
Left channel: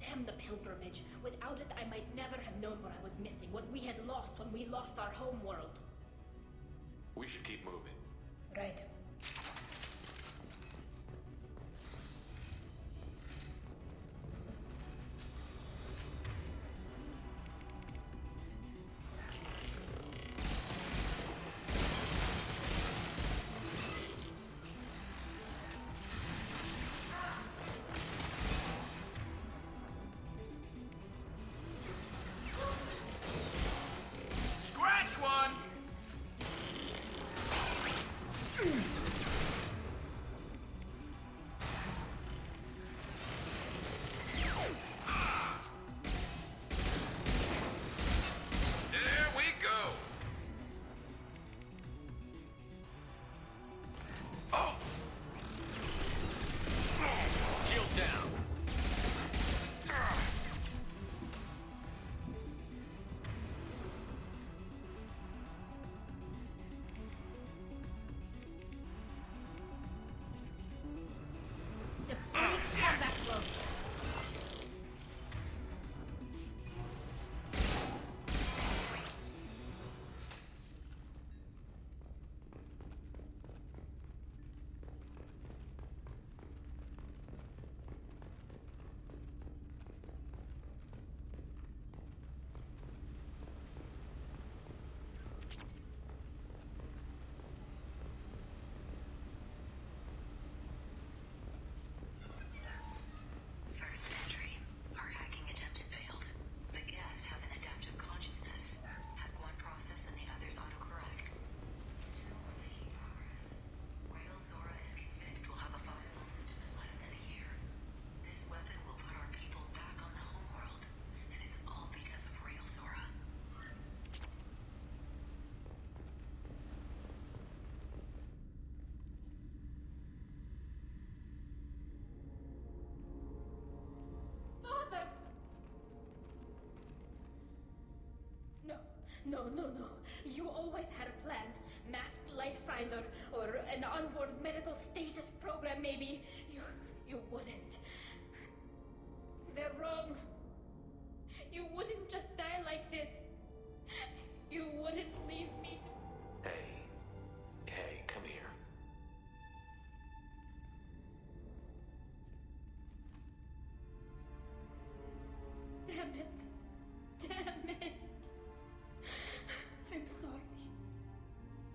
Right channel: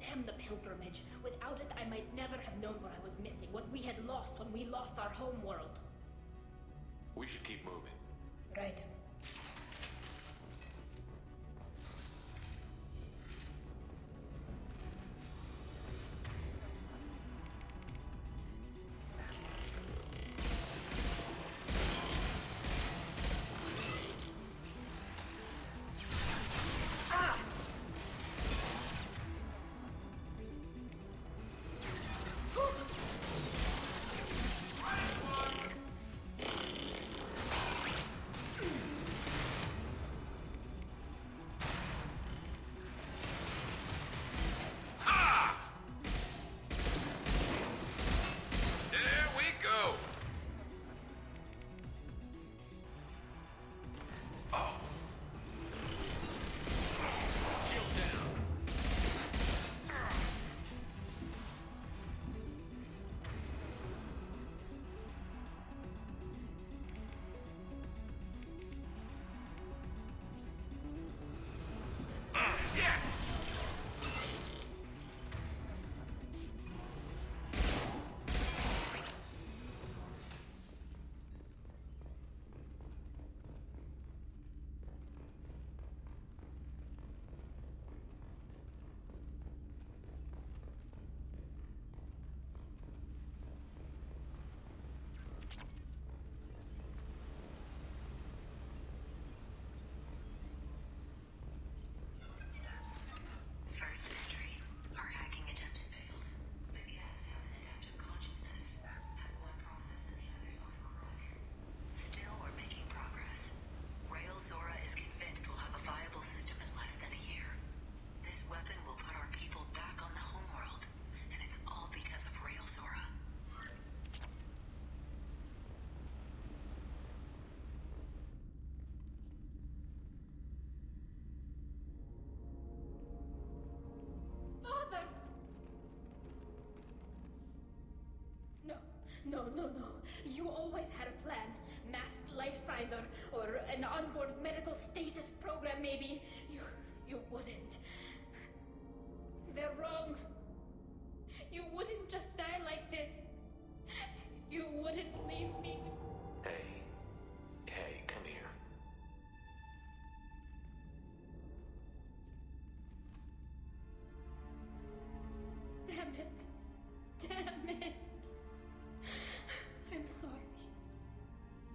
Damn the pilgrimage. Without it, I might never have known what I was missing, what we had lost when we lost our home world. We should keep moving. Right. No. You always had a plan. Masked life signs or an onboard medical stasis program, maybe. You wouldn't. They're wrong. You wouldn't just die like this. You wouldn't leave me to... Hey, come here. Damn it. I'm sorry.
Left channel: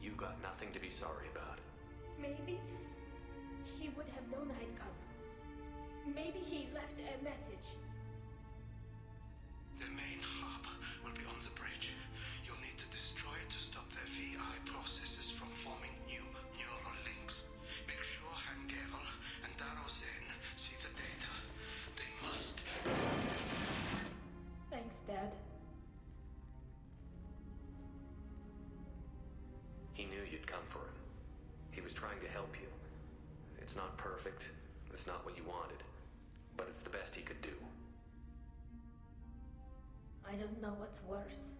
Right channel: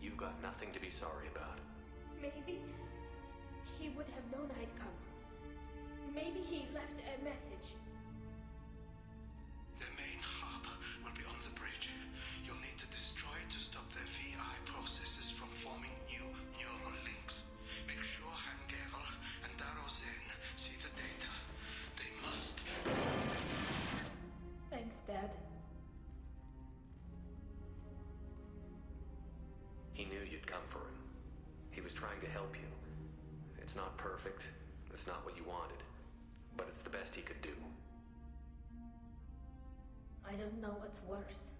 You've got nothing to be sorry about. Maybe he would have known I'd come. Maybe he left a message. The main hub will be on the bridge. You'll need to destroy it to stop their VI processes from forming new neural links. Make sure Hangerl and Darozen see the data. They must. Thanks, Dad. He knew you'd come for him. He was trying to help you. It's not perfect. It's not what you wanted. But it's the best he could do. I don't know what's worse.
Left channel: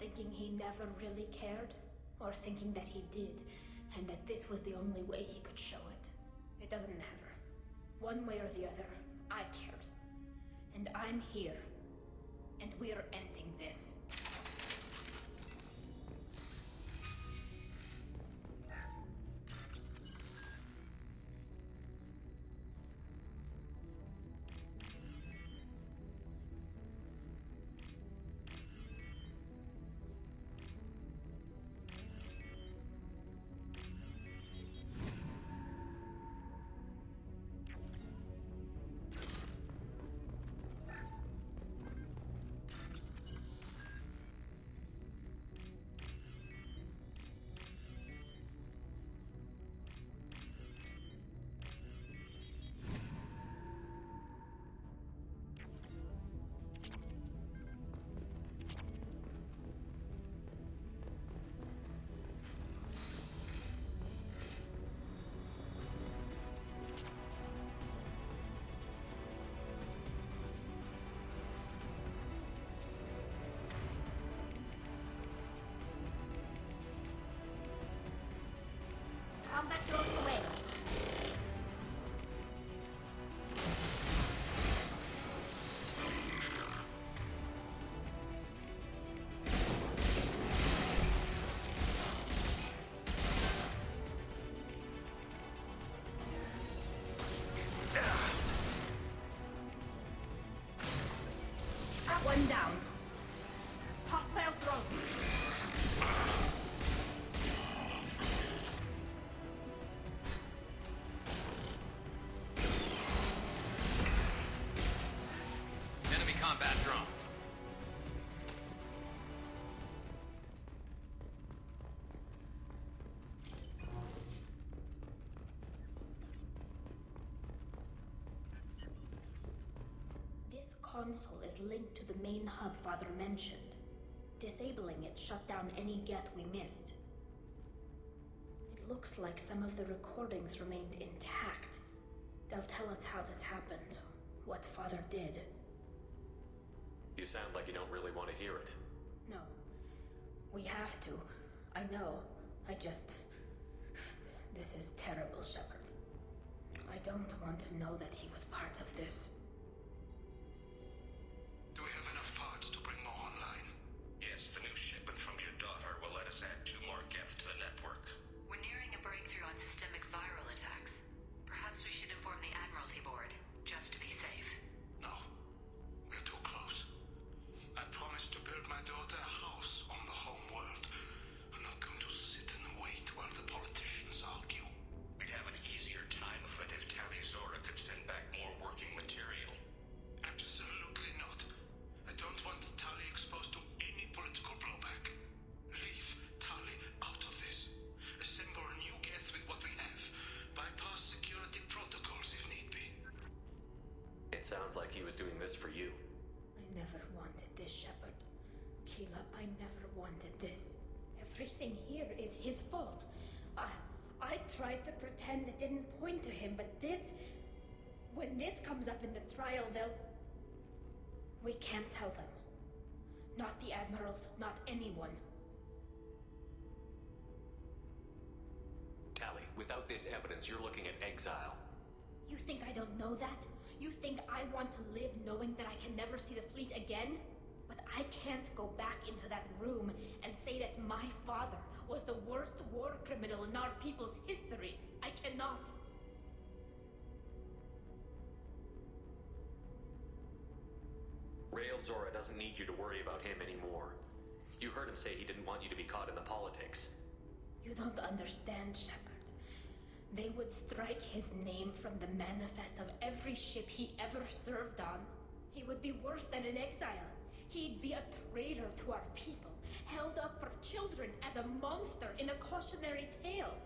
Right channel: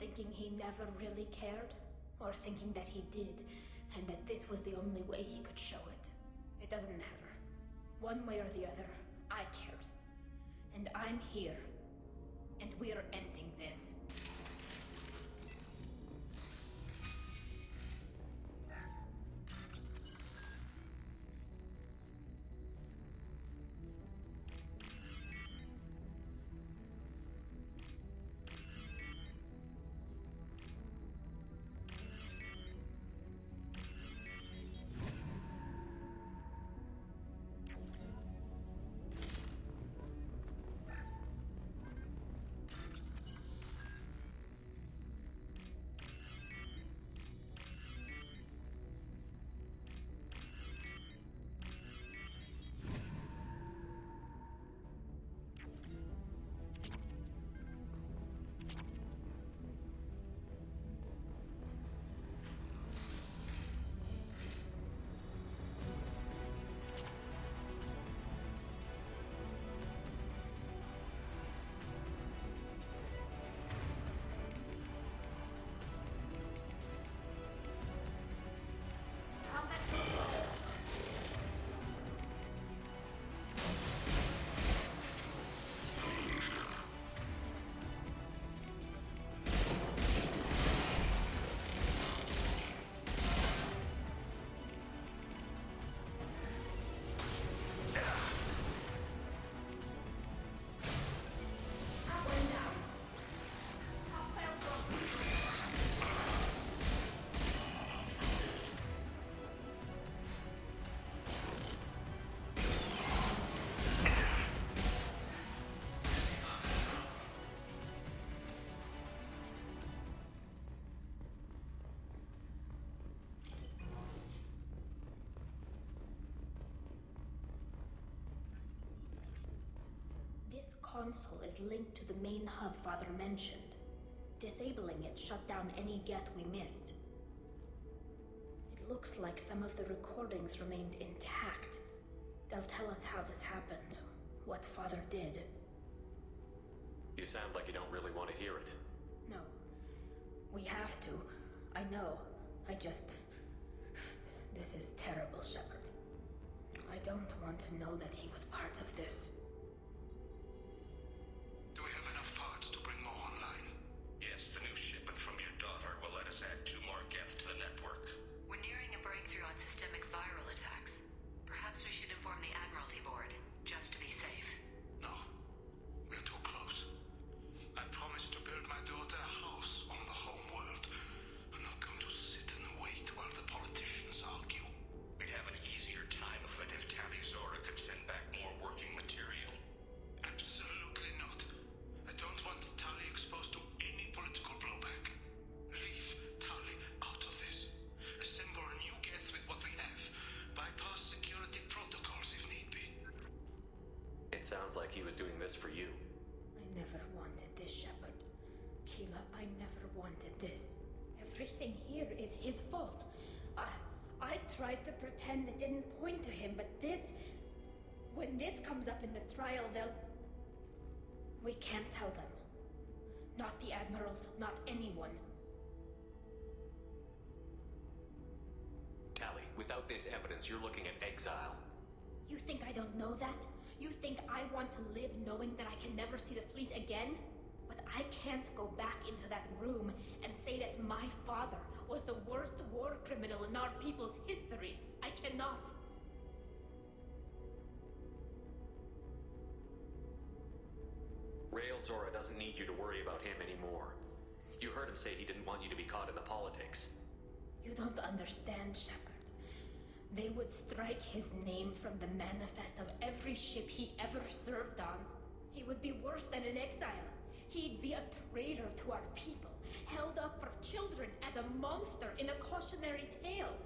Thinking he never really cared, or thinking that he did, and that this was the only way he could show it. It doesn't matter. One way or the other, I cared. And I'm here. And we're ending this. This console is linked to the main hub Father mentioned. Disabling it shut down any Geth we missed. It looks like some of the recordings remained intact. They'll tell us how this happened, what Father did. You sound like you don't really want to hear it. No. We have to. I know. This is terrible, Shepard. I don't want to know that he was part of this. Do we have enough parts to bring more online? Yes, the new shipment from your daughter will let us add 2 more Geth to the network. We're nearing a breakthrough on systemic viral attacks. Perhaps we should inform the Admiralty Board, just to be safe. No. We're too close. I promised to build my daughter a house on the home world. I'm not going to sit and wait while the politicians argue. We'd have an easier time of it if Tali Zora could send back more working material. Absolutely not. I don't want Tali exposed to any political blowback. Leave Tali out of this. Assemble a new Geth with what we have. Bypass security protocols if need be. It sounds like he was doing this for you. I never wanted this, Shepard. Keela, I never wanted this. Everything here is his fault. I tried to pretend it didn't point to him, but this... When this comes up in the trial, they'll... We can't tell them. Not the Admirals, not anyone. Tali, without this evidence, you're looking at exile. You think I don't know that? You think I want to live knowing that I can never see the fleet again? But I can't go back into that room and say that my father was the worst war criminal in our people's history. I cannot. Rael Zora doesn't need you to worry about him anymore. You heard him say he didn't want you to be caught in the politics. You don't understand, Shepard. They would strike his name from the manifest of every ship he ever served on. He would be worse than an exile. He'd be a traitor to our people, held up for children as a monster in a cautionary tale.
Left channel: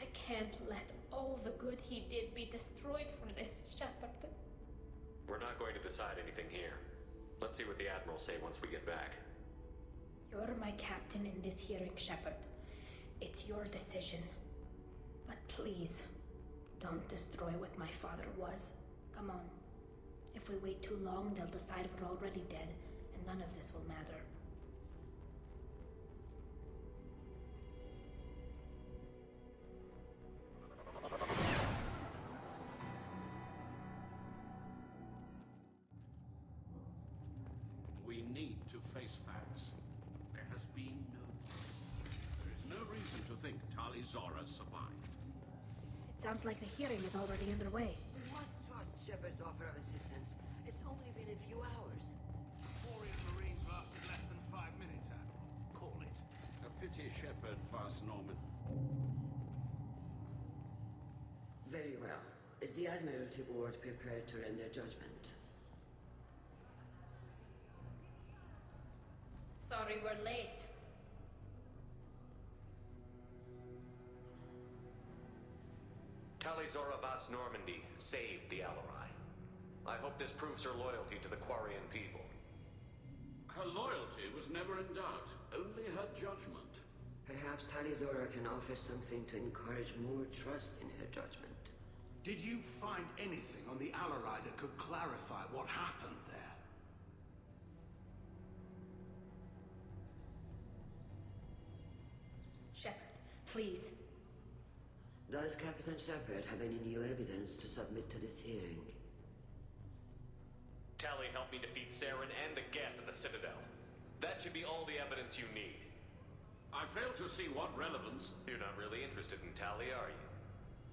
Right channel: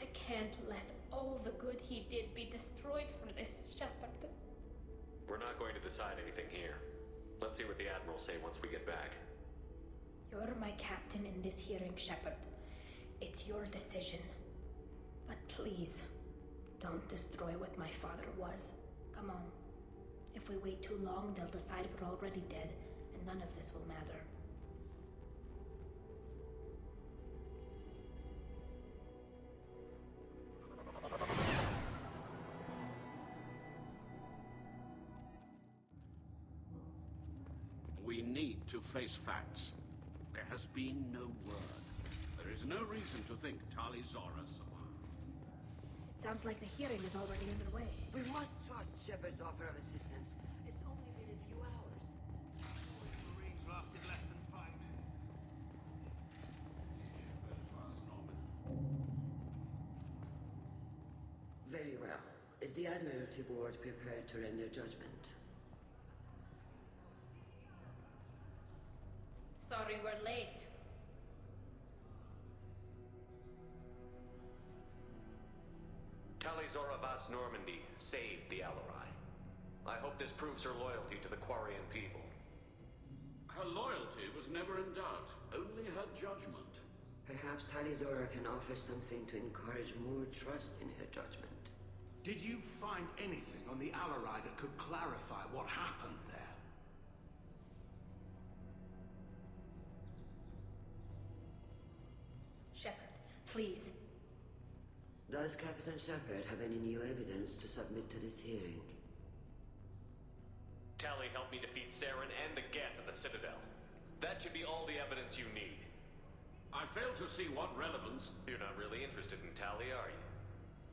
I can't let all the good he did be destroyed for this, Shepard. We're not going to decide anything here. Let's see what the Admirals say once we get back. You're my captain in this hearing, Shepard. It's your decision. But please, don't destroy what my father was. Come on. If we wait too long, they'll decide we're already dead, and none of this will matter. We need to face facts. There has been no word. There is no reason to think Tali Zora survived. Either way. We must trust Shepard's offer. It's only been a few hours. 5 minutes, Admiral. Call it. A pity Shepard fast Norman. Very well. Is the Admiralty Board prepared to render judgment? Sorry we're late. Tali Zora Vas Normandy saved the Alarai. I hope this proves her loyalty to the Quarian people. Her loyalty was never in doubt, only her judgment. Perhaps Tali Zora can offer something to encourage more trust in her judgment. Did you find anything on the Alarai that could clarify what happened there? Shepard, please. Does Captain Shepard have any new evidence to submit to this hearing? Tali helped me defeat Saren and the Geth at the Citadel. That should be all the evidence you need. I fail to see what relevance... You're not really interested in Tali, are you?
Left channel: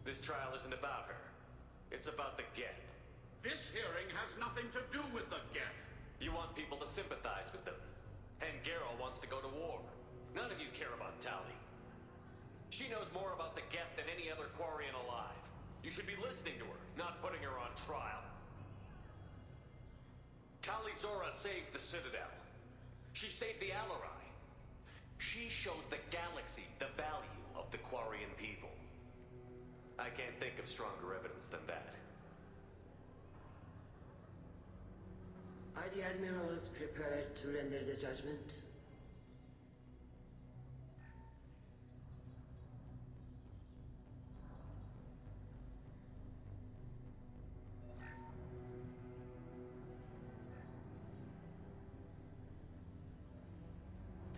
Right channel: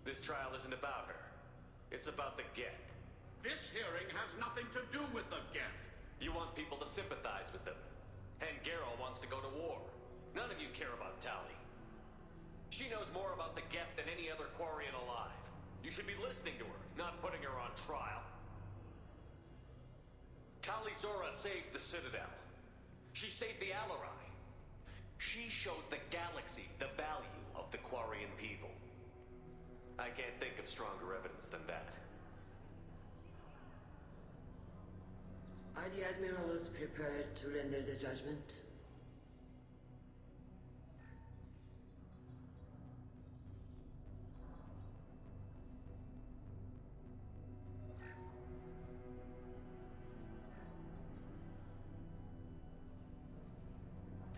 This trial isn't about her. It's about the Geth. This hearing has nothing to do with the Geth. You want people to sympathize with them. And Garrow wants to go to war. None of you care about Tali. She knows more about the Geth than any other Quarian alive. You should be listening to her, not putting her on trial. Tali Zora saved the Citadel. She saved the Alarai. She showed the galaxy the value of the Quarian people. I can't think of stronger evidence than that. Are the Admirals prepared to render the judgment?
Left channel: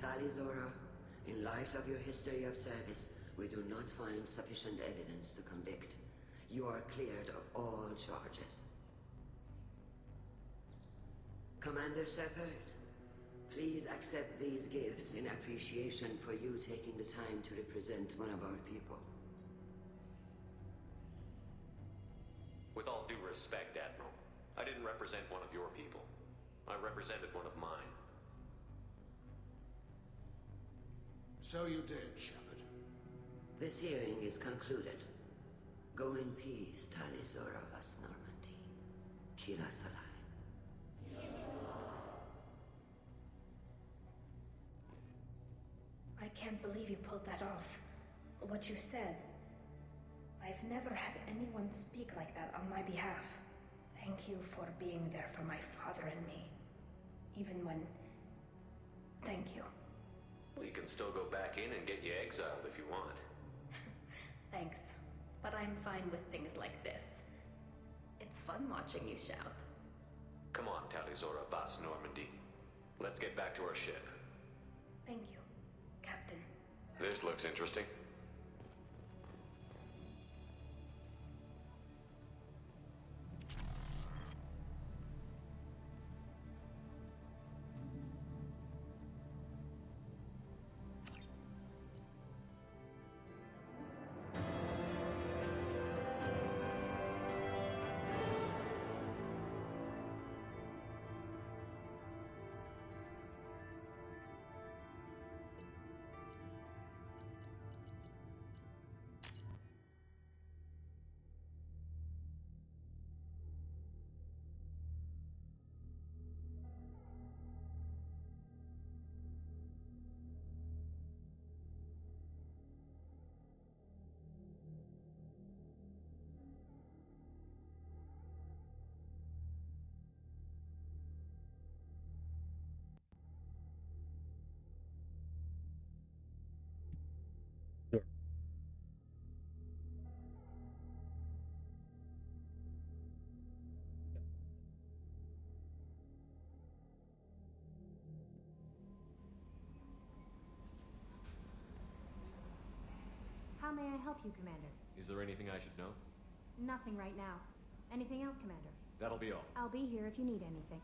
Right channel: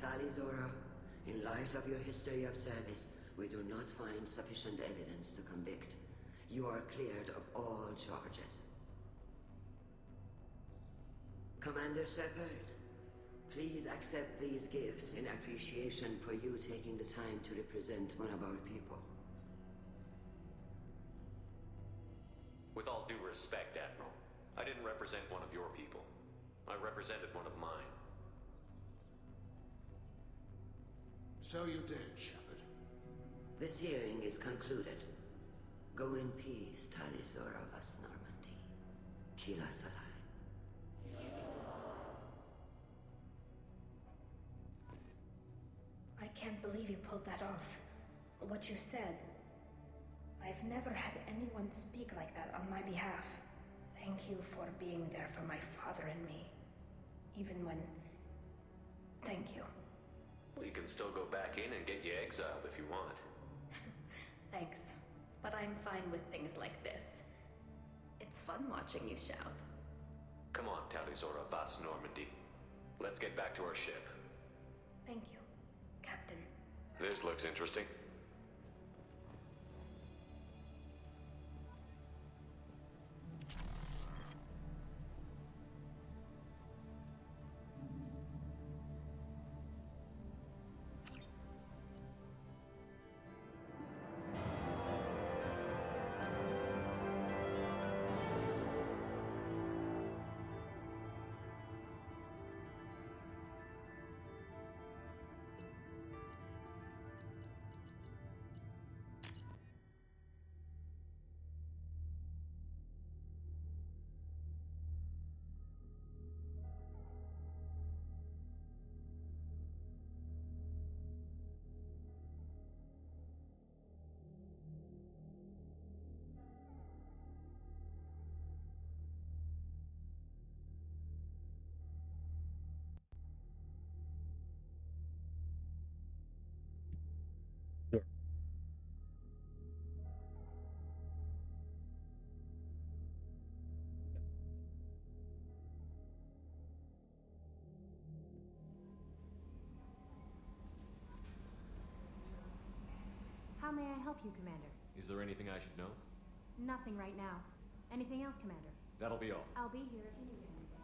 Tali Zora, in light of your history of service, we do not find sufficient evidence to convict. You are cleared of all charges. Commander Shepard, please accept these gifts in appreciation for you taking the time to represent one of our people. With all due respect, Admiral, I didn't represent one of your people. I represented one of mine. So you did, Shepard. This hearing is concluded. Go in peace, Tali Zora Vas Normandy. Kila Salai. I can't believe you pulled that off. What you said. I've never had anyone speak like that on my behalf. Thank you for being there for my father and me. Even when... Thank you. We can still go back in and get you exiled if you want. Thanks. But I'm fine with things like this. It's fun watching you shout. Come on, Tali Zora Vas Normandy. Let's get back to our ship. Thank you, Captain. This looks interesting. How may I help you, Commander? Is there anything I should know? Nothing right now. Anything else, Commander? That'll be all. I'll be here if you need anything.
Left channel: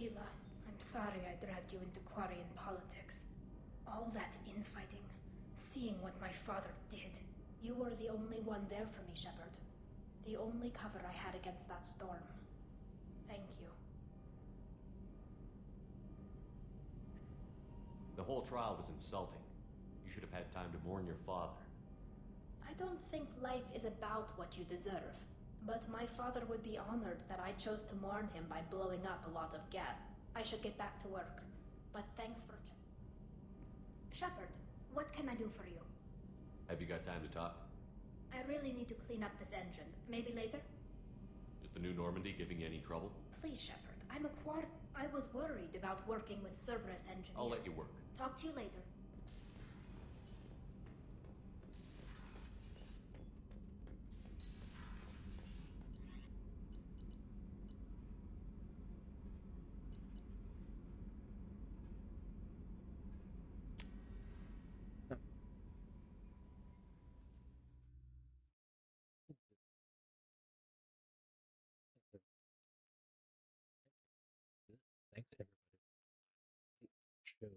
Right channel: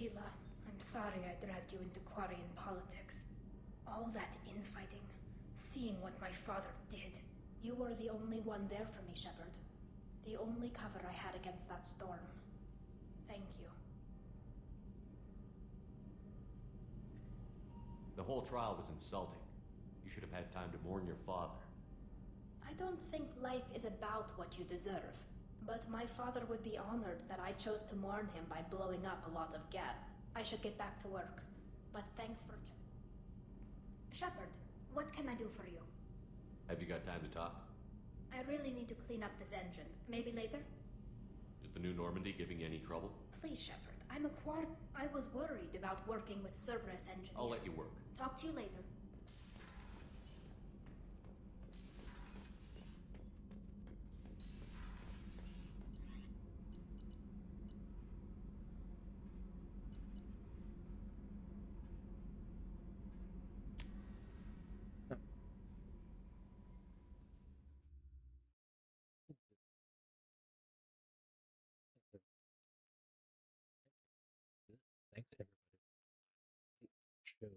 Keela, I'm sorry I dragged you into Quarian politics. All that infighting, seeing what my father did. You were the only one there for me, Shepard. The only cover I had against that storm. Thank you. The whole trial was insulting. You should have had time to mourn your father. I don't think life is about what you deserve. But my father would be honored that I chose to mourn him by blowing up a lot of gas. I should get back to work. But thanks for Shepard, what can I do for you? Have you got time to talk? I really need to clean up this engine. Maybe later? Is the new Normandy giving you any trouble? Please, Shepard. I'm a quad. I was worried about working with Cerberus engineers. I'll let you work. Talk to you later. Thanks, everybody. Show.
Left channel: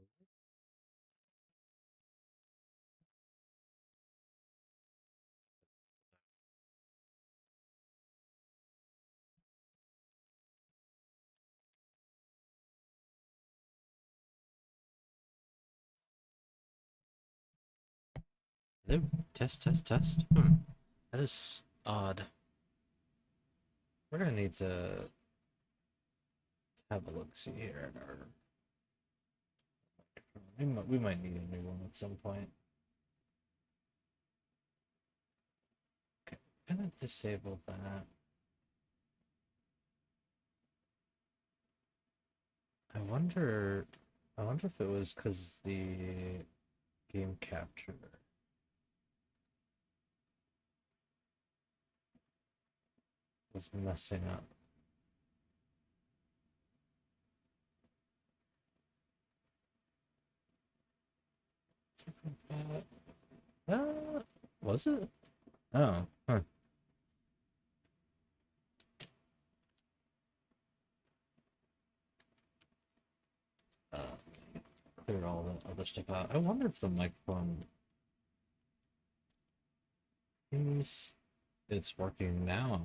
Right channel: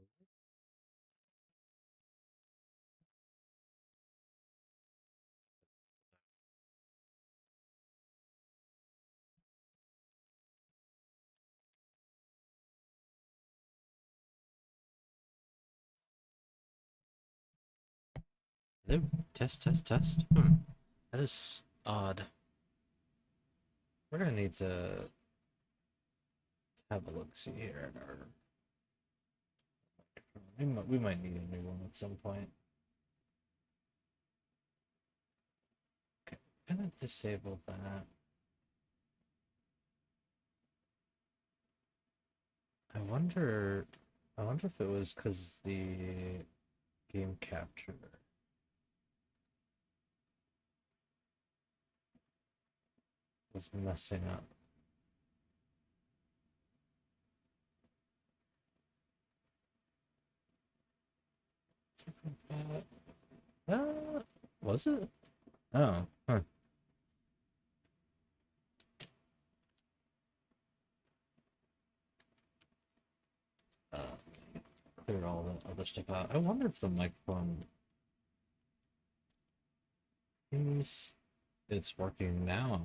Hello? Test, test, test. That is odd. We're gonna need to have a look-see here at our... We might need a new one at some point. Okay, I'm gonna disable that. I wonder if it was because the game capture was messing up. Was it? Oh, huh. Clear all the other stuff out. I wonder if the microphone seems it's working now.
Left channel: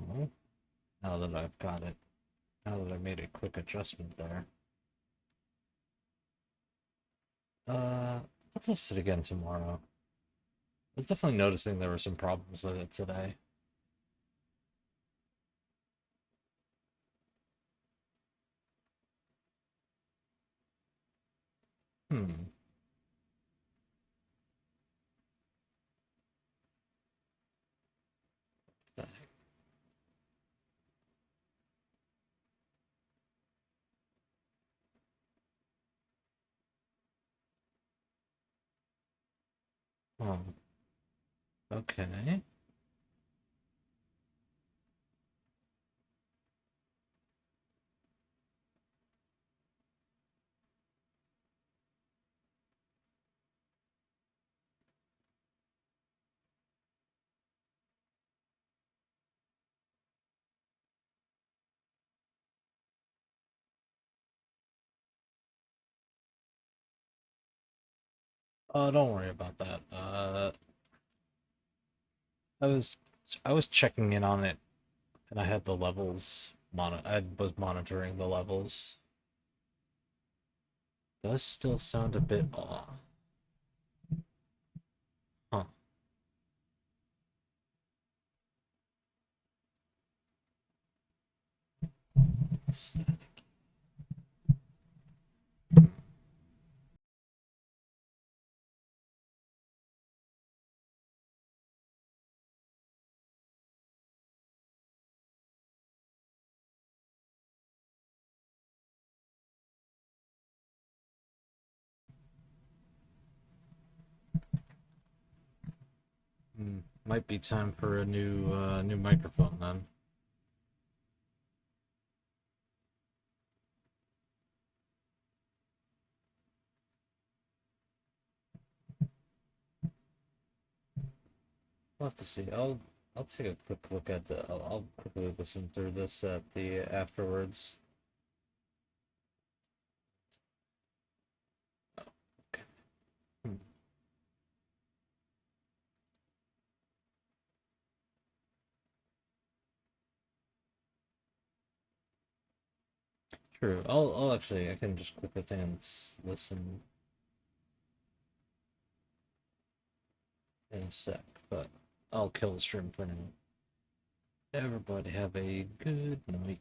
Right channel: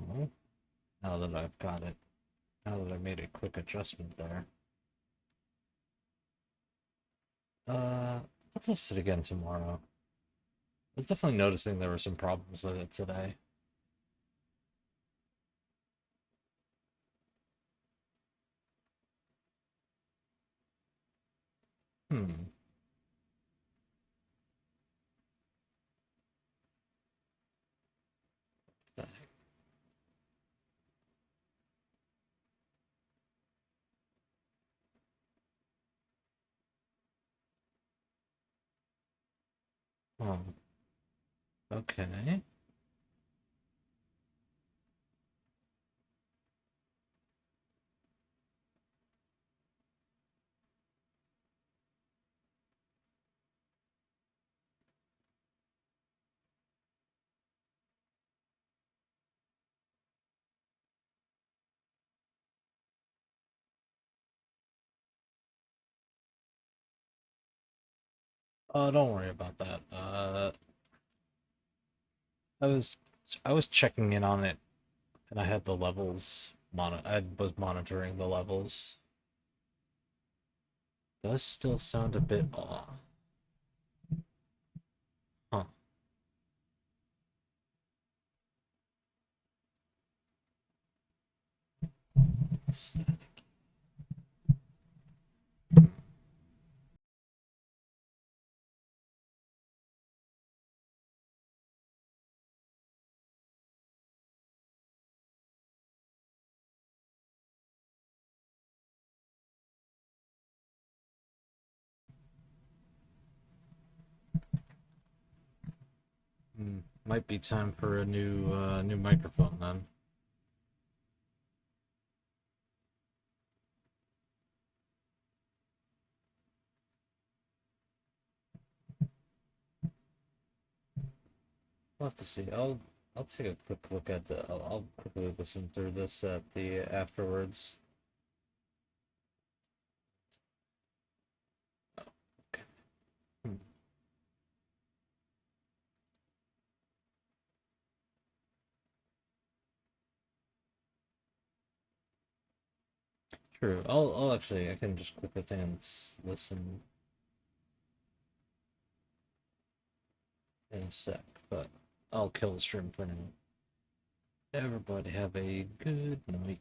Now that I've got it. Now that I made a quick adjustment there. I'll test it again tomorrow. I was definitely noticing there were some problems with it today. The heck? Oh. Okay. Oh, don't worry about that. I was checking in on it, and I had the levels I was monitoring the levels. Does still sound a bit off. Huh. Static. Might be time for a new microphone then. We'll have to see. I'll take a quick look at the. I'll quickly listen through this at the afterwards. Oh, okay. True. I'll actually I can just click the thing and listen in a sec, but I'll kill the stream for now. Everybody have a good night.